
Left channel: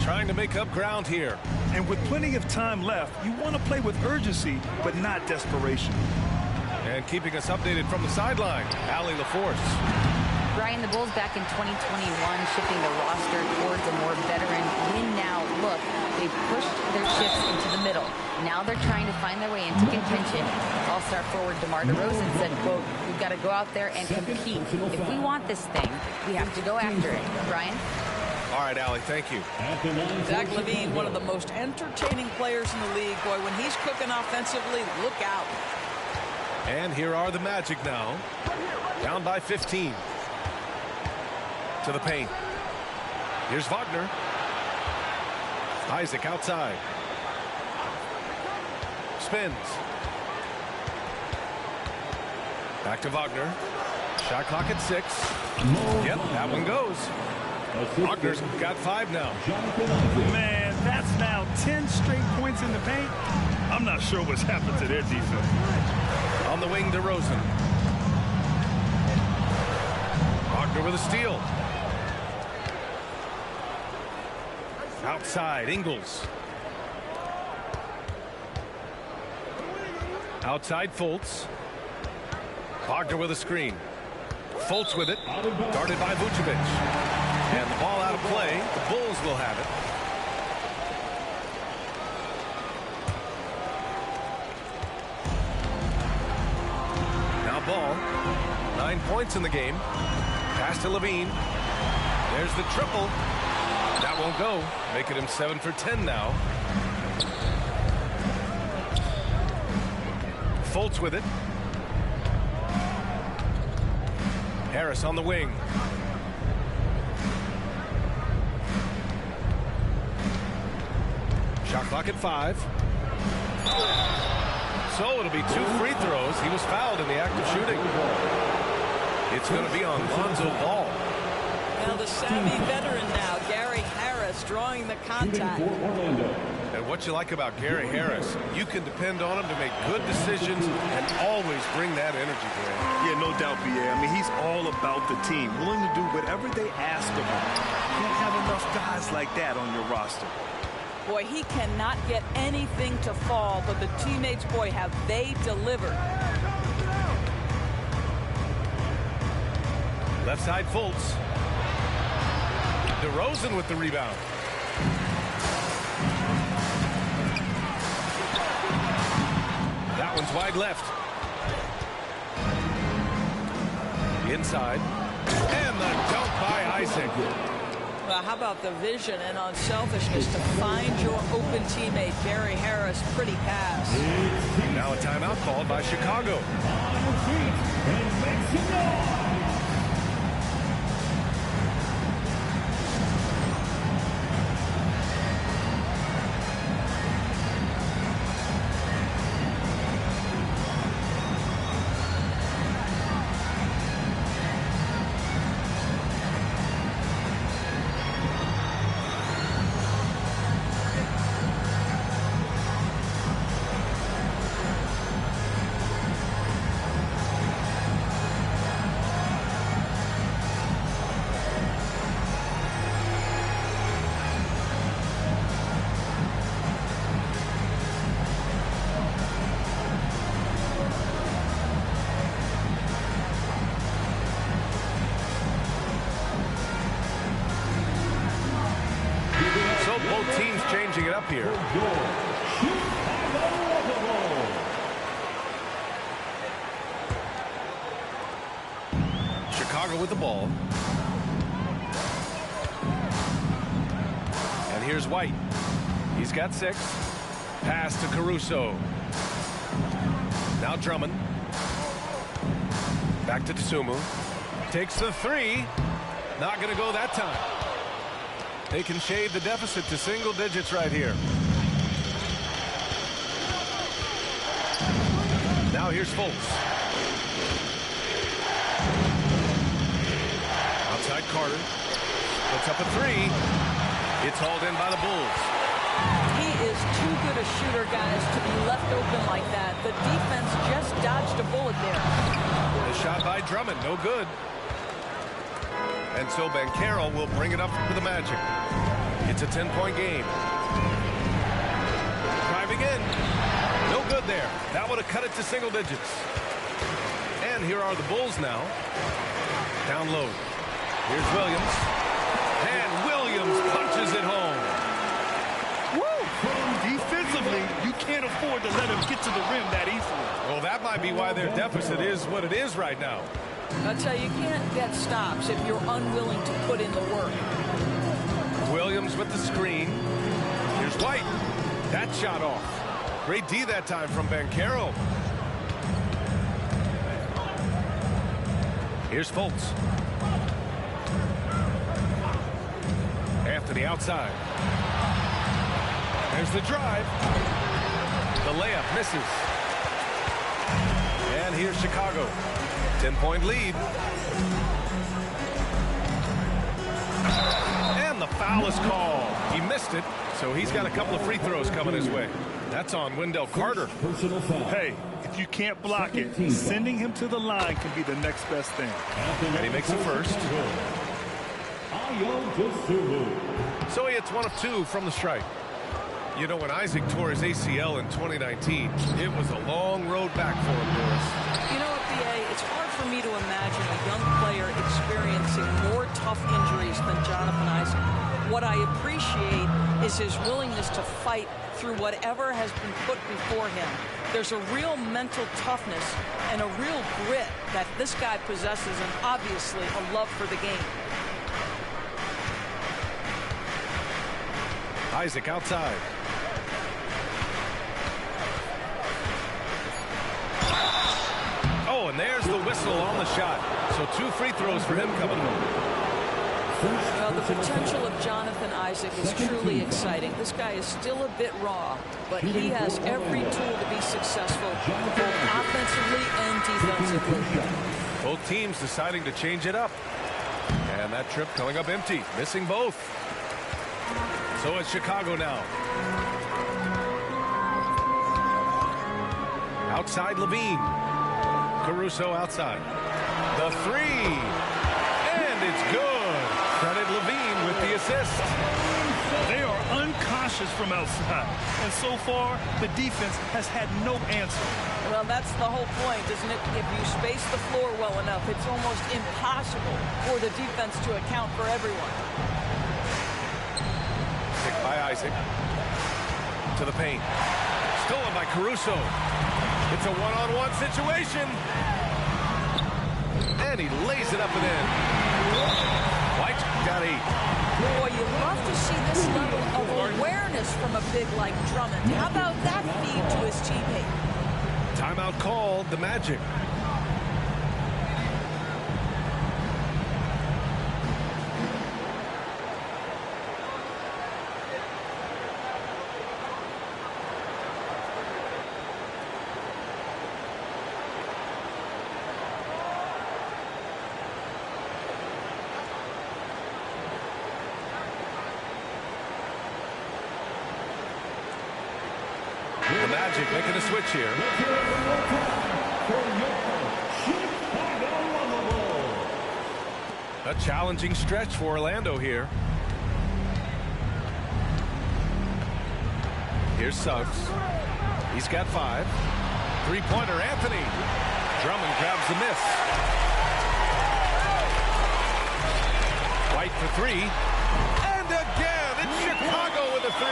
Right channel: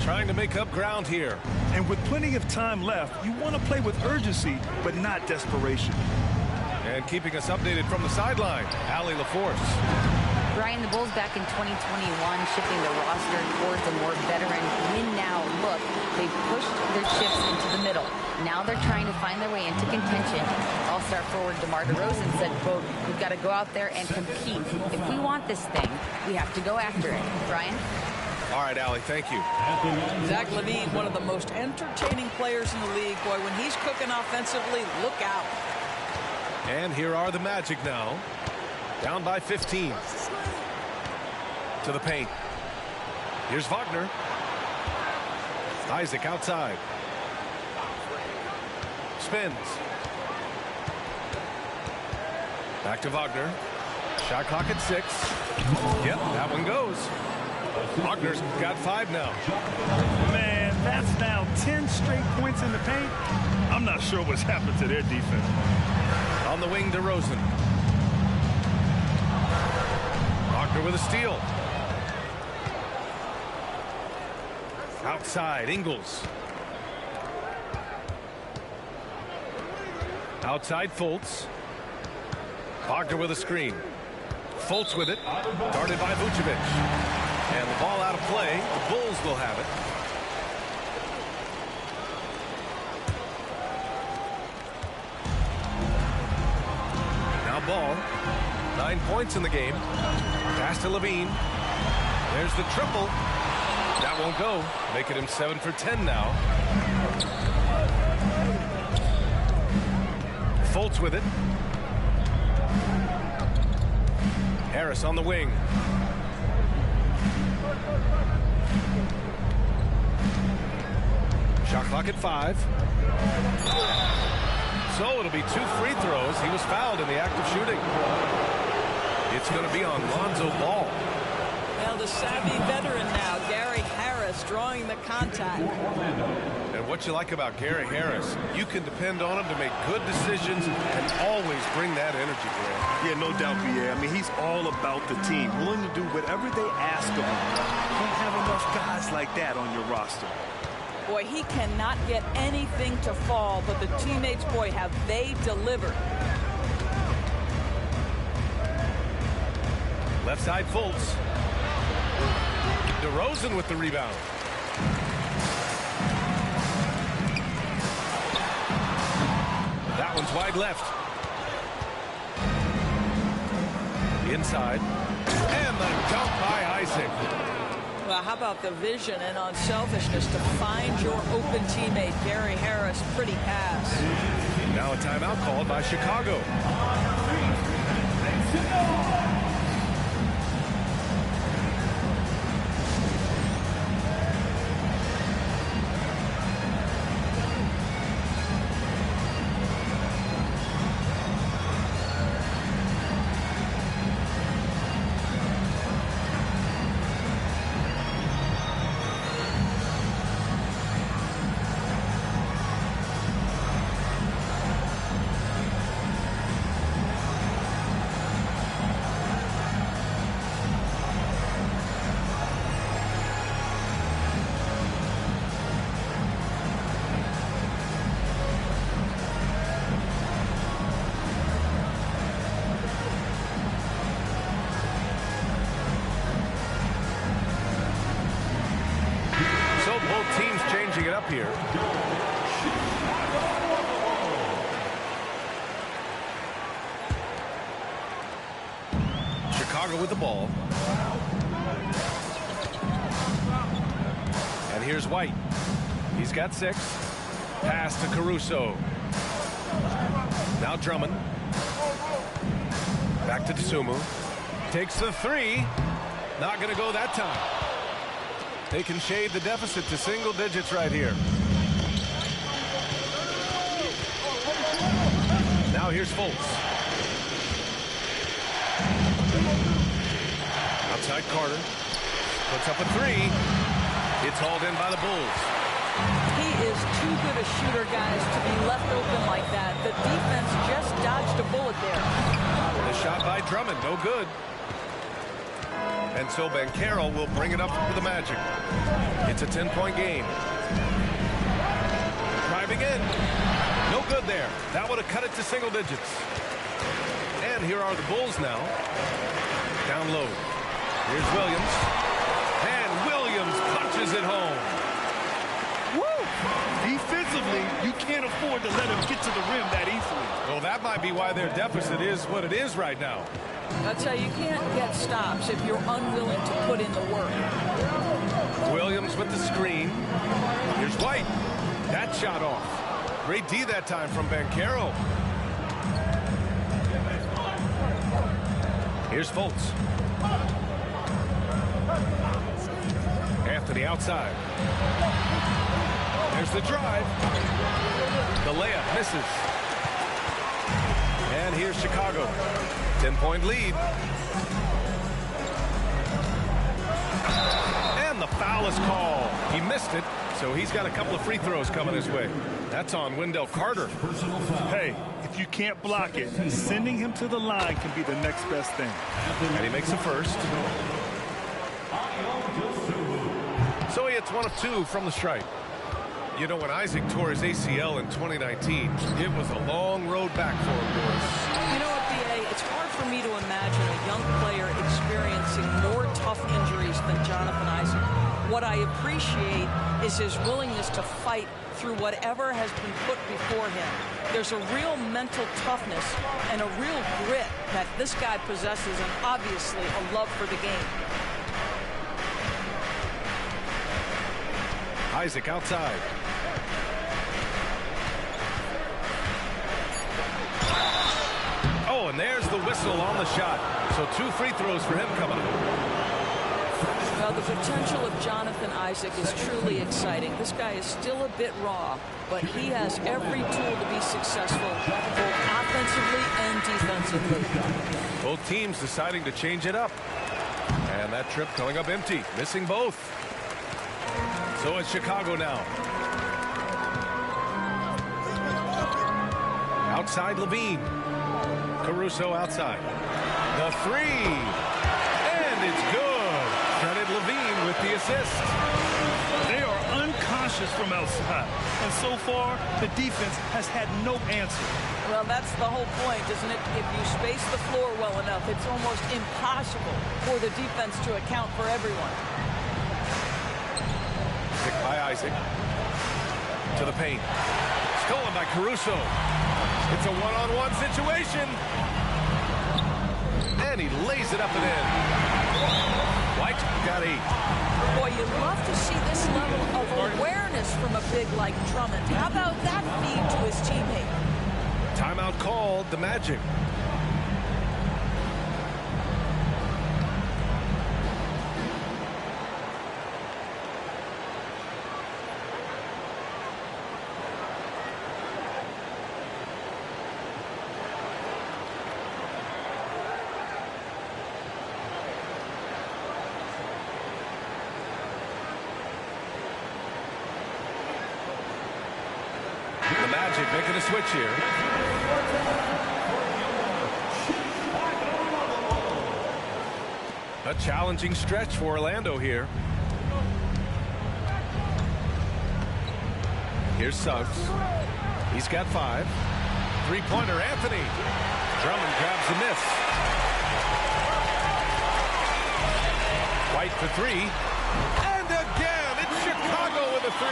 Trying to make up ground here. And with plenty of time left, you want to play with urgency, but not desperation. And keeping us updated from the sideline, Allie LaForce. Brian, the Bulls back in 2021 shifting the roster towards a more veteran win-now look. They've pushed their chips into the middle. Now they're trying to find their way into contention. All-star forward DeMar DeRozan said, quote, "We've got to go out there and compete. If we want this thing, we have to go after it." Brian? All right, Allie, thank you. Zach LaVine, one of the most entertaining players in the league. Boy, when he's cooking offensively, look out. And here are the Magic now. Down by 15. To the paint. Here's Wagner. Isaac outside. Spins. Back to Wagner. Shot clock at 6. Yep, that one goes. Wagner's got 5 now. Man, that's now 10 straight points in the paint. I'm not sure what's happened to their defense. On the wing, DeRozan. Wagner with a steal. Outside, Ingles. Outside, Fultz. Wagner with a screen. Fultz with it. Guarded by Vucevic. And the ball out of play. The Bulls will have it. Now ball. 9 points in the game. Pass to LaVine. There's the triple. That won't go. Making him 7 for 10 now. Fultz with it. Harris on the wing. Shot clock at 5. So it'll be 2 free throws. He was fouled in the act of shooting. It's going to be on Lonzo Ball. Now the savvy veteran now, Gary Harris, drawing the contact. And what you like about Gary Harris, you can depend on him to make good decisions and always bring that energy, Grant. Yeah, no doubt, BA. I mean, he's all about the team, willing to do whatever they ask of him. Can't have enough guys like that on your roster. Boy, he cannot get anything to fall, but the teammates, boy, have they delivered. Left side, Fultz. DeRozan with the rebound. That one's wide left. Inside. And the dunk by Isaac. Well, how about the vision and unselfishness to find your open teammate, Gary Harris? Pretty pass. Now a timeout called by Chicago. So both teams changing it up here. Chicago with the ball. And here's White. He's got 6. Pass to Caruso. Now Drummond. Back to Dosunmu. Takes the 3. Not going to go that time. They can shade the deficit to single digits right here. Now here's Fultz. Outside Carter. Puts up a 3. It's hauled in by the Bulls. He is too good a shooter, guys, to be left open like that. The defense just dodged a bullet there. The shot by Drummond, no good. And so Banchero will bring it up for the Magic. It's a 10-point game. Driving in. No good there. That would have cut it to single digits. And here are the Bulls now. Down low. Here's Williams. And Williams punches it home. Woo! Defensively, you can't afford to let him get to the rim that easily. Well, that might be why their deficit is what it is right now. I'll tell you, you can't get stops if you're unwilling to put in the work. Williams with the screen. Here's White. That shot off. Great D that time from Banchero. Here's Fultz. Anthony outside. There's the drive. The layup misses. And here's Chicago. 10-point lead. And the foul is called. He missed it, so he's got a couple of free throws coming his way. That's on Wendell Carter. Hey, if you can't block it, sending him to the line can be the next best thing. And he makes a first. So he hits 1 of 2 from the stripe. You know, when Isaac tore his ACL in 2019, it was a long road back for him, Doris. You know what, B.A., it's hard for me to imagine a young player experiencing more tough injuries than Jonathan Isaac. What I appreciate is his willingness to fight through whatever has been put before him. There's a real mental toughness and a real grit that this guy possesses, and obviously a love for the game. Isaac outside. Oh, and there's the whistle on the shot. So 2 free throws for him coming up. Well, the potential of Jonathan Isaac is truly exciting. This guy is still a bit raw, but he has every tool to be successful, both offensively and defensively. Both teams deciding to change it up. And that trip coming up empty, missing both. So it's Chicago now. Outside Levine. Caruso outside. The 3. And it's good. Credit Levine with the assist. They are unconscious from outside. And so far, the defense has had no answer. Well, that's the whole point, isn't it? If you space the floor well enough, it's almost impossible for the defense to account for everyone. Picked by Isaac. To the paint. Stolen by Caruso. It's a one-on-one situation. And he lays it up and in. White got 8. Boy, you love to see this level of awareness from a big like Drummond. How about that feed to his teammate? Timeout called, the Magic. The Magic making a switch here. A challenging stretch for Orlando here. Here's Suggs. He's got 5. 3-pointer, Anthony. Drummond grabs the miss. White for 3. And again, it's Chicago with a 3.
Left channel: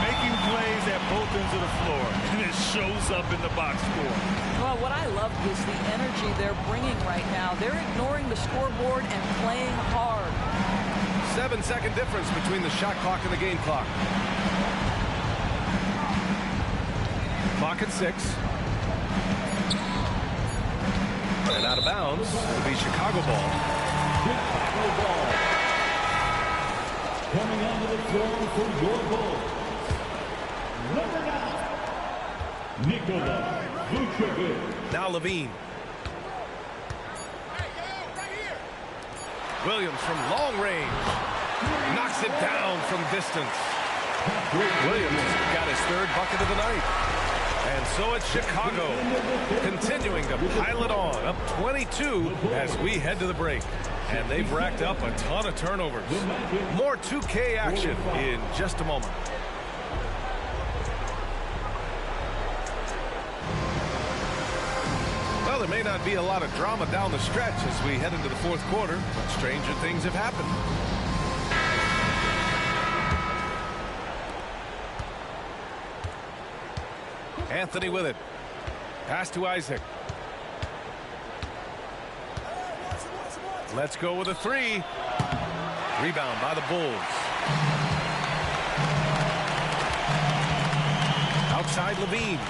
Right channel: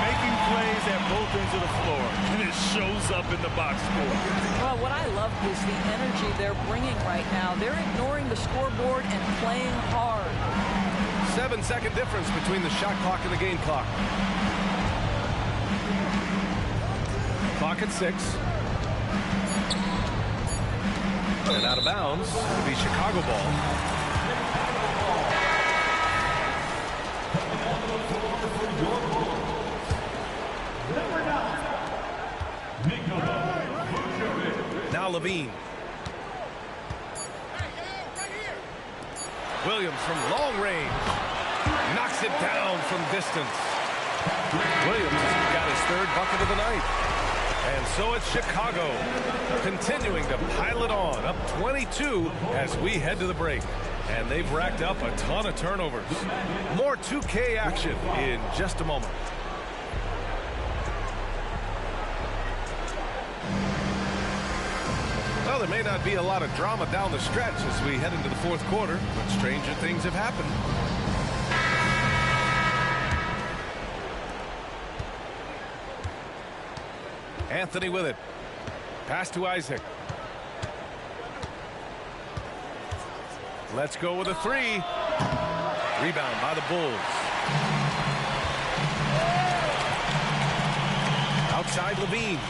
Making plays at both ends of the floor, and it shows up in the box score. Well, what I love is the energy they're bringing right now. They're ignoring the scoreboard and playing hard. 7-second difference between the shot clock and the game clock. Clock at 6. And out of bounds. It'll be Chicago ball. Coming onto the floor for your ball. Number 9, Nikola Vucevic. Now Levine. Williams from long range. Knocks it down from distance. Williams got his 3rd bucket of the night. And so it's Chicago continuing to pile it on, up 22 as we head to the break. And they've racked up a ton of turnovers. More 2K action in just a moment. Well, there may not be a lot of drama down the stretch as we head into the fourth quarter, but stranger things have happened. Anthony with it. Pass to Isaac. Let's go with a three. Rebound by the Bulls. Outside Levine.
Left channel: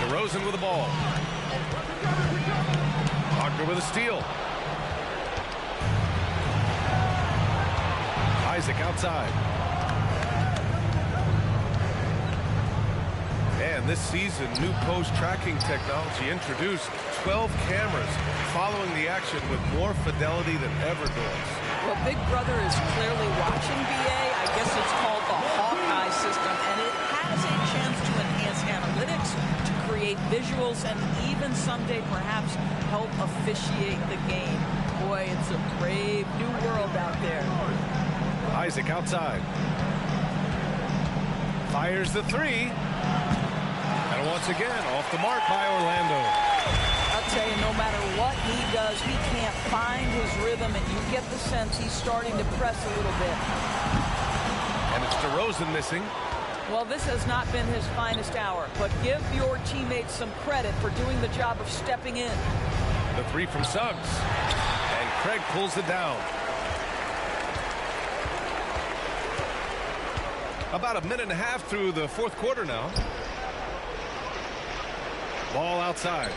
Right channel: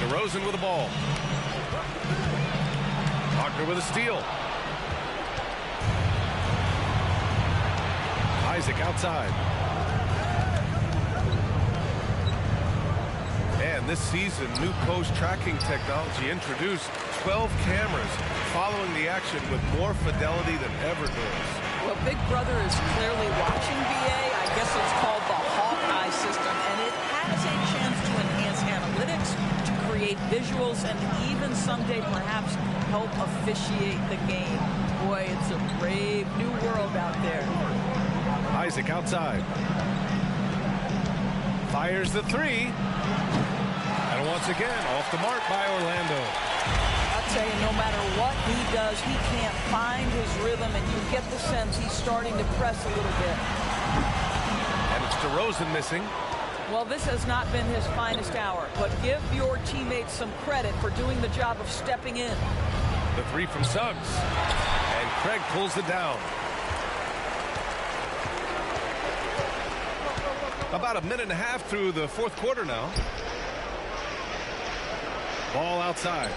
DeRozan with the ball. Wagner with a steal. Isaac outside. And this season, new post tracking technology introduced 12 cameras following the action with more fidelity than ever, Doris. Well, Big Brother is clearly watching BA. I guess it's called the Hawkeye system, and it has a chance to enhance analytics, to create visuals, and even someday perhaps help officiate the game. Boy, it's a brave new world out there. Isaac outside. Fires the three. And once again, off the mark by Orlando. I'll tell you, no matter what he does, he can't find his rhythm, and you get the sense he's starting to press a little bit. And it's DeRozan missing. Well, this has not been his finest hour, but give your teammates some credit for doing the job of stepping in. The three from Suggs. And Craig pulls it down. About a minute and a half through the fourth quarter now. Ball outside.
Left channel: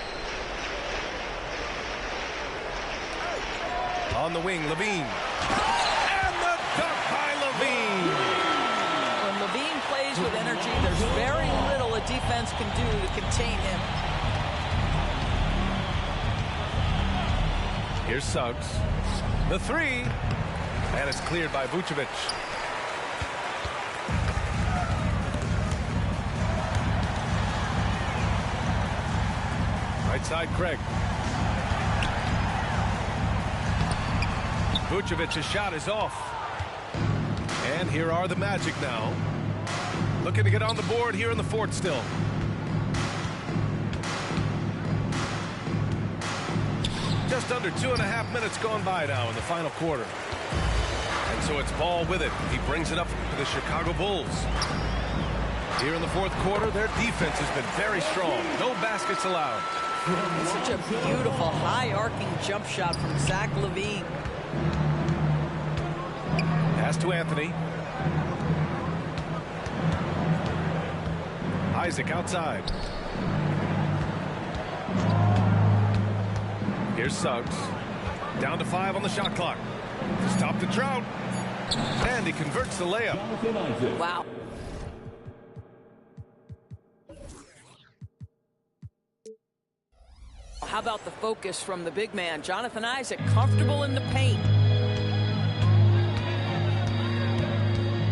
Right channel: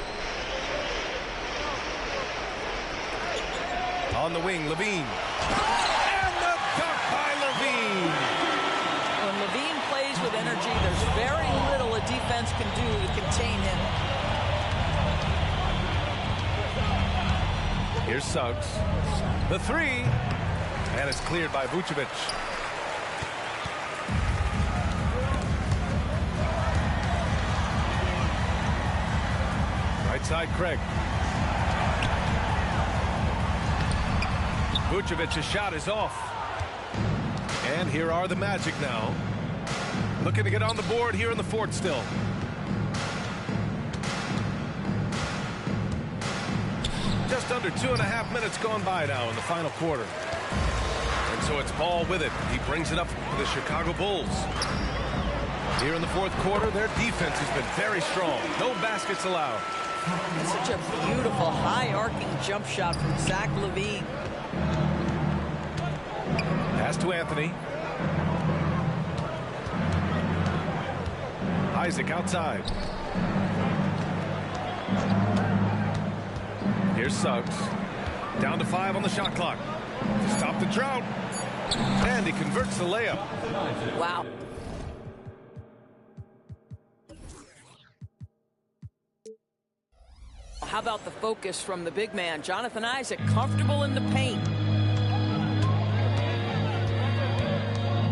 On the wing, Levine. And the dunk by Levine. When Levine plays with energy, there's very little a defense can do to contain him. Here's Suggs. The three. And it's cleared by Vucevic. Right side, Craig. Vucevic's shot is off. And here are the Magic now. Looking to get on the board here in the fourth still. Just under 2.5 minutes gone by now in the final quarter. And so it's Ball with it. He brings it up for the Chicago Bulls. Here in the fourth quarter, their defense has been very strong. No baskets allowed. It's such a beautiful, high-arcing jump shot from Zach LaVine. Pass to Anthony. Isaac outside. Here's Suggs. Down to 5 on the shot clock. To stop the drought. And he converts the layup. Wow. How about the focus from the big man, Jonathan Isaac, comfortable in the paint.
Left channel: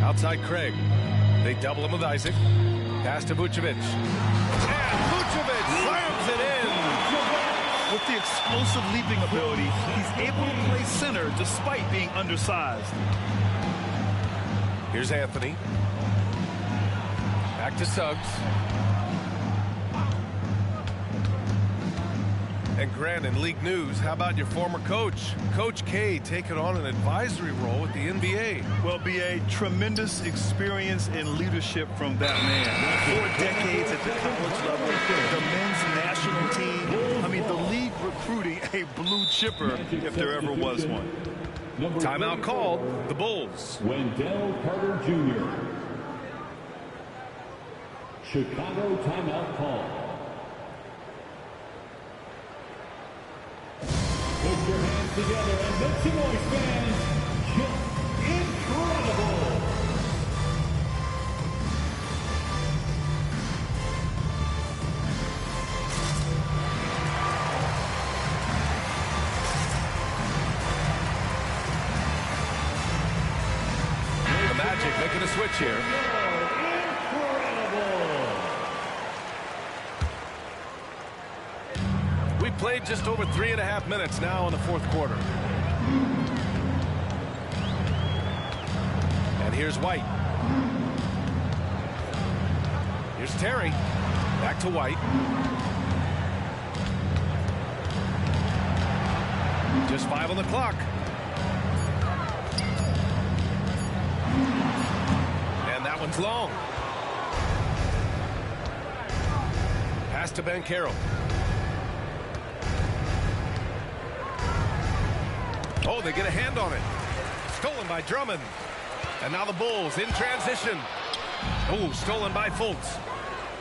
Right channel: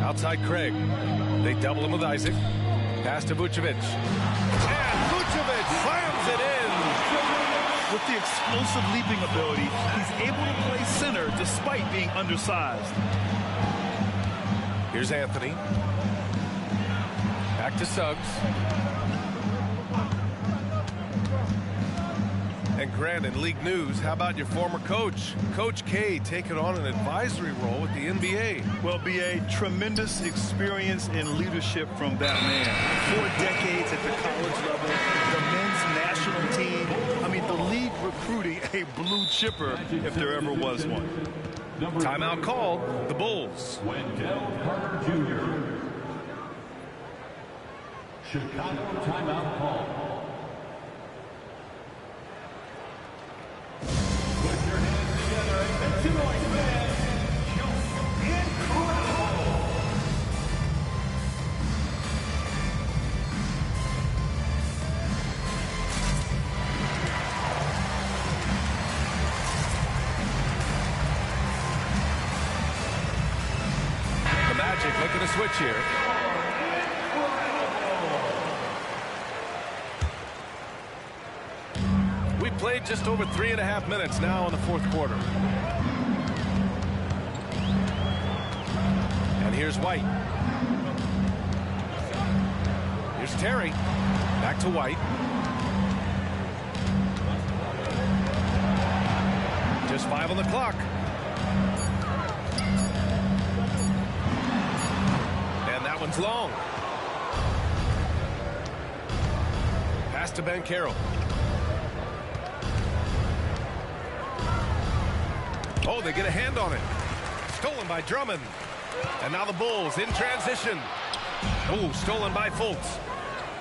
Outside Craig. They double him with Isaac. Pass to Vucevic. And Vucevic slams it in. With the explosive leaping ability, he's able to play center despite being undersized. Here's Anthony. Back to Suggs. And Grant, in league news, how about your former coach? Coach K taking on an advisory role with the NBA. Well, BA, tremendous experience and leadership from that man. 4 decades at the college level, the men's national team. I mean, the league recruiting a blue chipper if there ever was one. Timeout called, the Bulls. Wendell Carter Jr. Chicago timeout call. Put your hands together and make some noise, fans. Just incredible. The Magic making a switch here. We played just over 3.5 minutes now in the fourth quarter. And here's White. Here's Terry. Back to White. Just 5 on the clock. And that one's long. Pass to Banchero. Oh, they get a hand on it. Stolen by Drummond. And now the Bulls in transition. Oh, stolen by Fultz.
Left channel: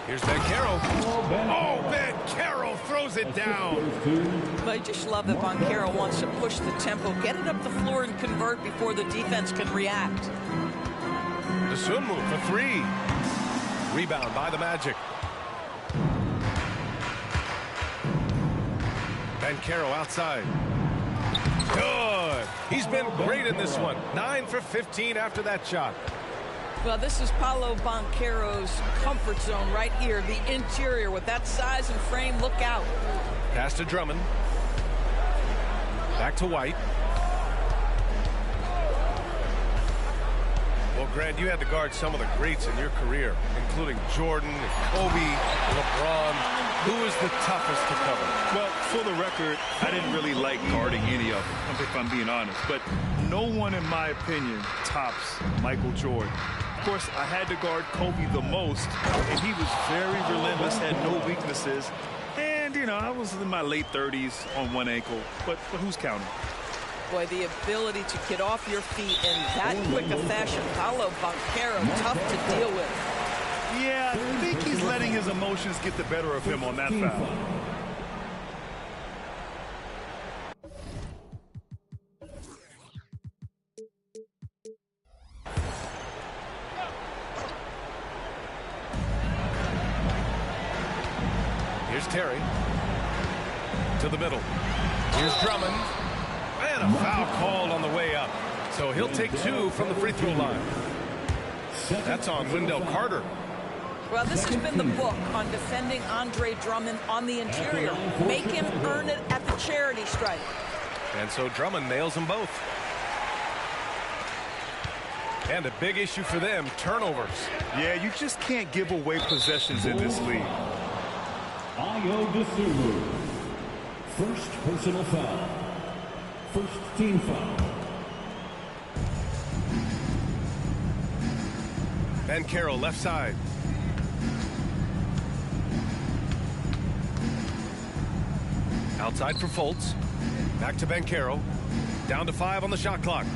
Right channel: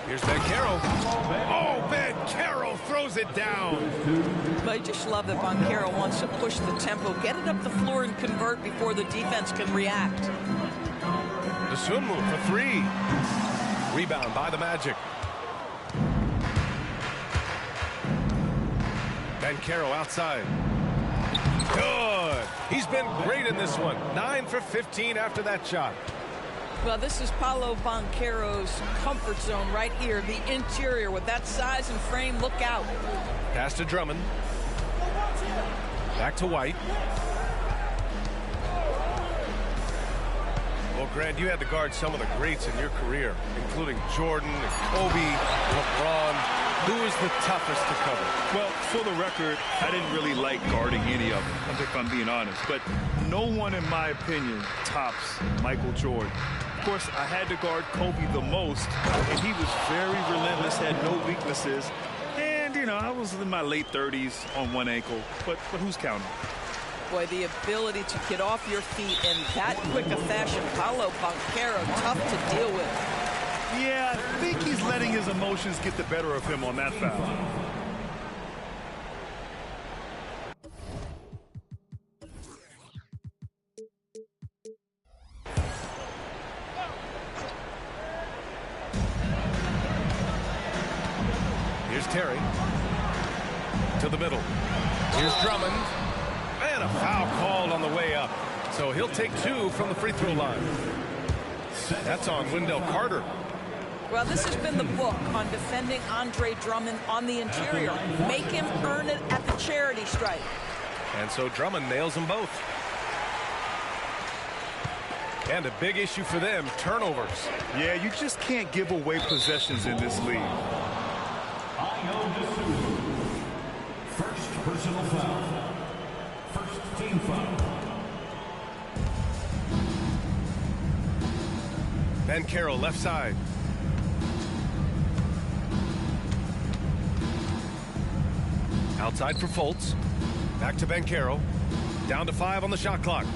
Here's Banchero. Oh, Banchero throws it down. But I just love that Banchero wants to push the tempo, get it up the floor, and convert before the defense can react. The swim move for 3. Rebound by the Magic. Banchero outside. Good. He's been great in this one. 9 for 15 after that shot. Well, this is Paolo Banchero's comfort zone right here. The interior with that size and frame. Look out. Pass to Drummond. Back to White. Well, Grant, you had to guard some of the greats in your career, including Jordan, and Kobe, LeBron. Who was the toughest to cover? Well, for the record, I didn't really like guarding any of them, if I'm being honest. But no one, in my opinion, tops Michael Jordan. Of course, I had to guard Kobe the most, and he was very relentless, had no weaknesses. And, you know, I was in my late 30s on one ankle, but who's counting? Boy, the ability to get off your feet in that quick a fashion. Paolo Banchero, tough to deal with. Yeah, I think he's letting his emotions get the better of him on that foul. Here's Terry. To the middle. Here's Drummond. And a foul called on the way up. So he'll take 2 from the free throw line. That's on Wendell Carter. Well, this has been the book on defending Andre Drummond on the interior. Make him earn it at the charity stripe. And so Drummond nails them both. And a big issue for them, turnovers. Yeah, you just can't give away possessions in this league. Ayo Dosunmu. First personal foul. First team foul. Banchero left side. Outside for Fultz. Back to Banchero. Down to 5 on the shot clock.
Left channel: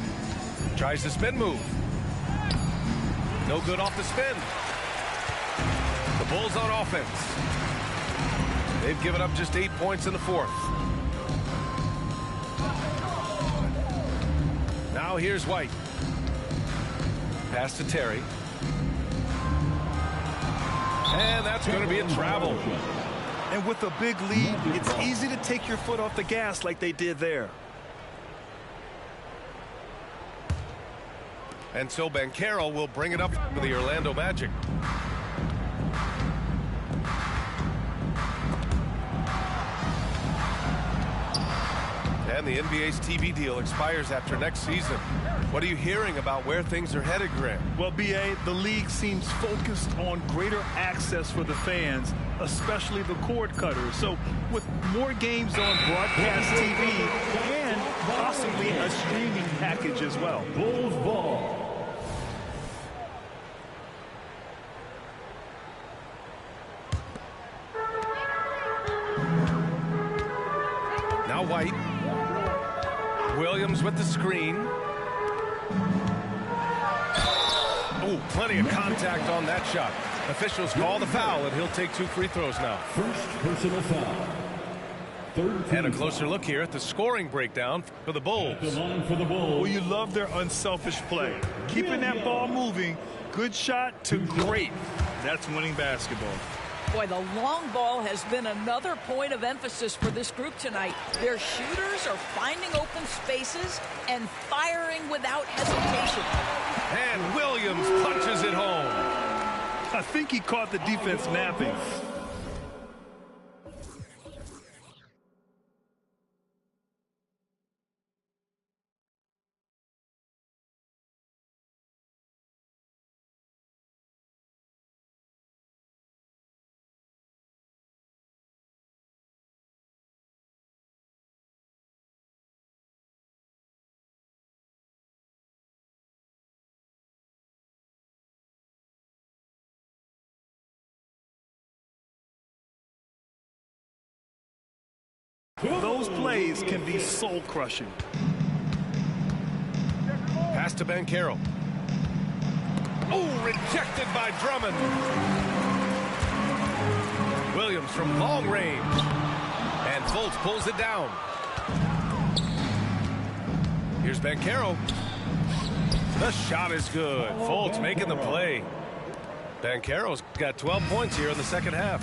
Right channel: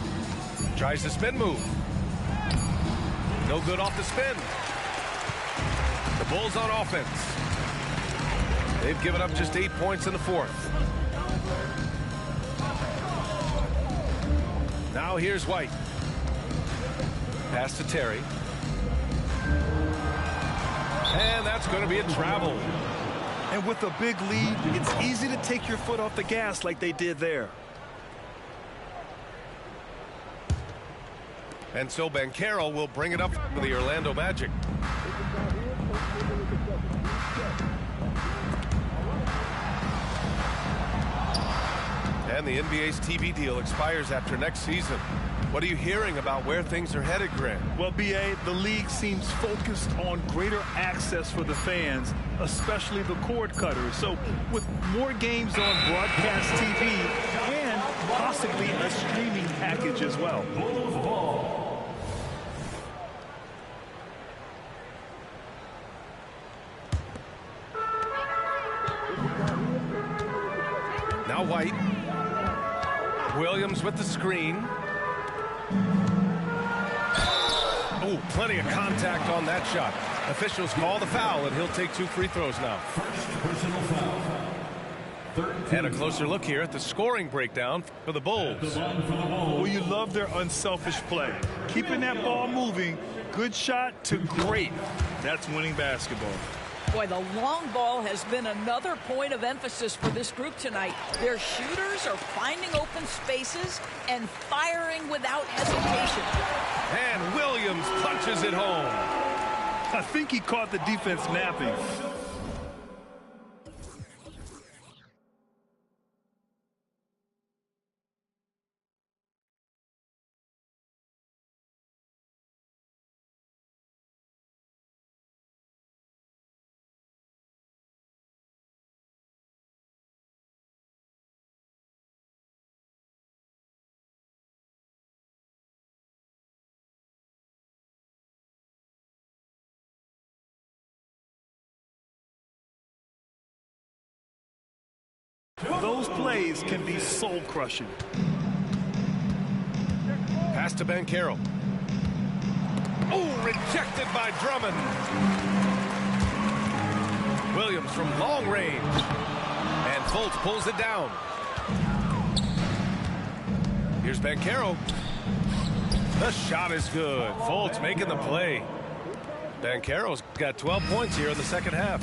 Tries the spin move. No good off the spin. The Bulls on offense. They've given up just 8 points in the 4th. Now here's White. Pass to Terry. And that's going to be a travel. And with a big lead, it's easy to take your foot off the gas like they did there. And so Banchero will bring it up for the Orlando Magic. And the NBA's TV deal expires after next season. What are you hearing about where things are headed, Grant? Well, B.A., the league seems focused on greater access for the fans, especially the cord cutters. So with more games on broadcast TV and possibly a streaming package as well. Bulls ball. Now White. Williams with the screen. Oh, plenty of contact on that shot. Officials call the foul, and he'll take 2 free throws now. First personal foul. Third team And a closer look here at the scoring breakdown for the Bulls. The line for the Bulls. Well, you love their unselfish play. Keeping that ball moving, good shot to great. That's winning basketball. Boy, the long ball has been another point of emphasis for this group tonight. Their shooters are finding open spaces and firing without hesitation. And Williams punches it home. I think he caught the defense napping. Those plays can be soul-crushing. Pass to Banchero. Oh, rejected by Drummond. Williams from long range. And Fultz pulls it down. Here's Banchero. The shot is good. Fultz making the play. Banchero's got 12 points here in the second half.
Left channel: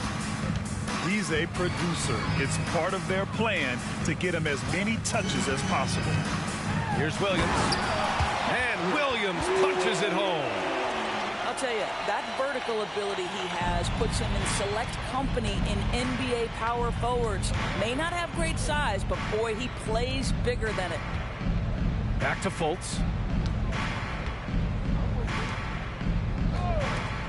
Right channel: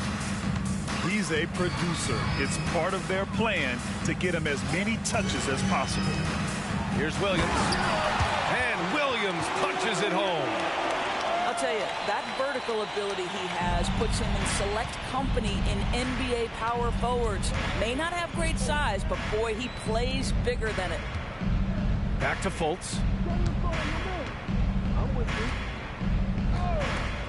He's a producer. It's part of their plan to get him as many touches as possible. Here's Williams. And Williams punches it home. I'll tell you, that vertical ability he has puts him in select company in NBA power forwards. May not have great size, but boy, he plays bigger than it. Back to Fultz.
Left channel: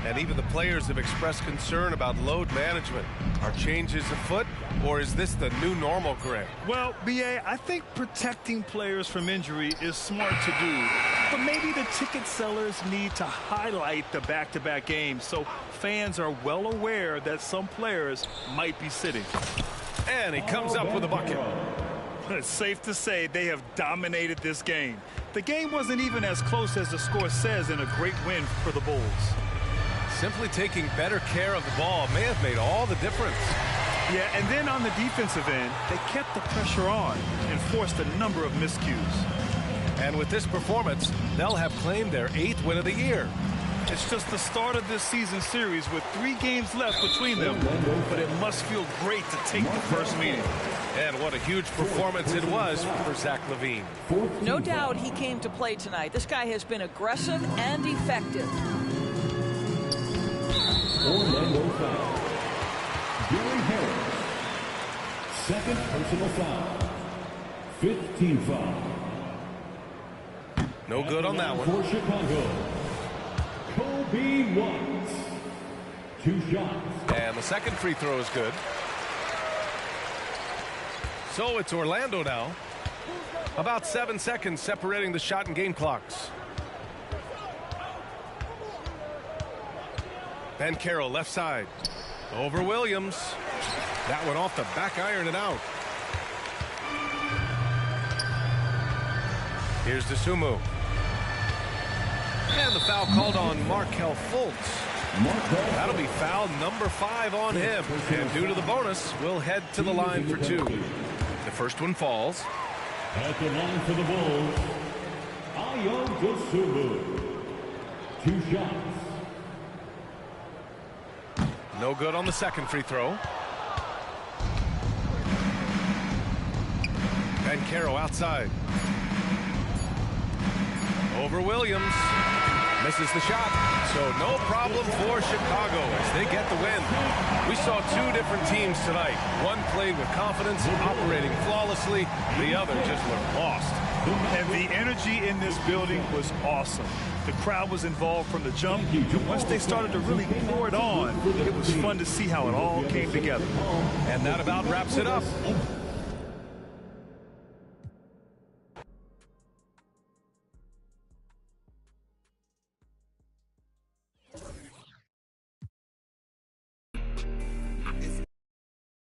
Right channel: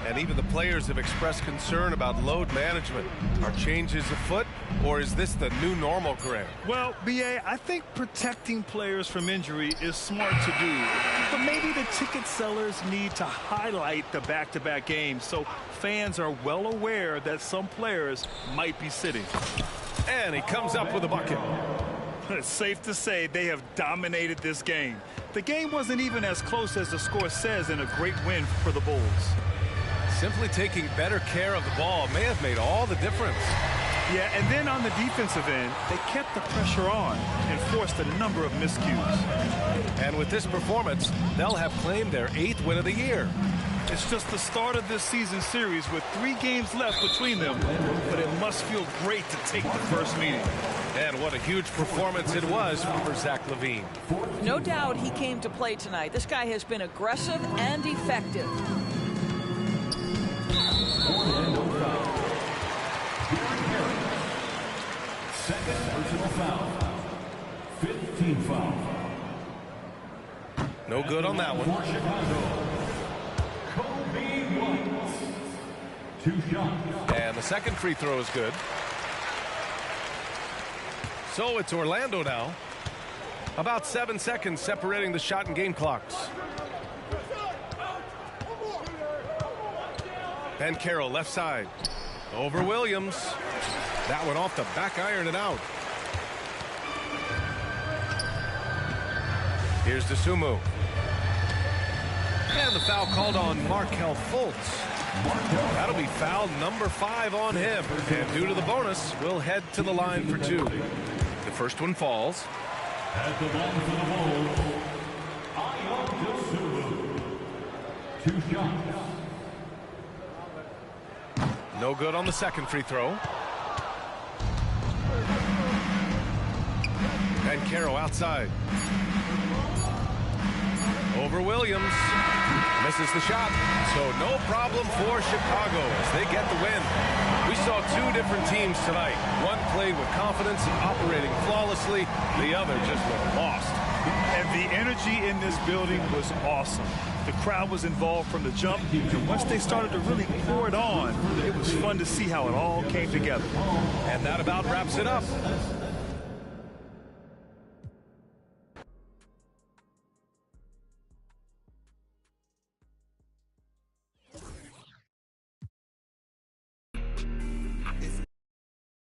And even the players have expressed concern about load management. Are changes afoot, or is this the new normal, Greg? Well, B.A., I think protecting players from injury is smart to do. But maybe the ticket sellers need to highlight the back-to-back games so fans are well aware that some players might be sitting. And he comes up with a bucket. It's safe to say they have dominated this game. The game wasn't even as close as the score says in a great win for the Bulls. Simply taking better care of the ball may have made all the difference. Yeah, and then on the defensive end, they kept the pressure on and forced a number of miscues. And with this performance, they'll have claimed their 8th win of the year. It's just the start of this season series with 3 games left between them, but it must feel great to take the first meeting. And what a huge performance it was for Zach LaVine. No doubt he came to play tonight. This guy has been aggressive and effective. Orlando foul. Gary Harris. Second personal foul. 15 foul. No good on that one. For Chicago, Kobe White. 2 shots. And the second free throw is good. So it's Orlando now. About 7 seconds separating the shot and game clocks. Banchero left side. Over Williams. That one off the back iron and out. Here's DeSumo. And the foul called on Markelle Fultz. That'll be foul number 5 on him. And due to the bonus, we'll head to the line for 2. The first one falls. At the line for the Bulls, Ayo DeSumo. 2 shots. No good on the second free throw. Banchero outside. Over Williams. Misses the shot. So no problem for Chicago as they get the win. We saw 2 different teams tonight. One played with confidence, operating flawlessly. The other just looked lost. And the energy in this building was awesome. The crowd was involved from the jump, and once they started to really pour it on, it was fun to see how it all came together. And that about wraps it up.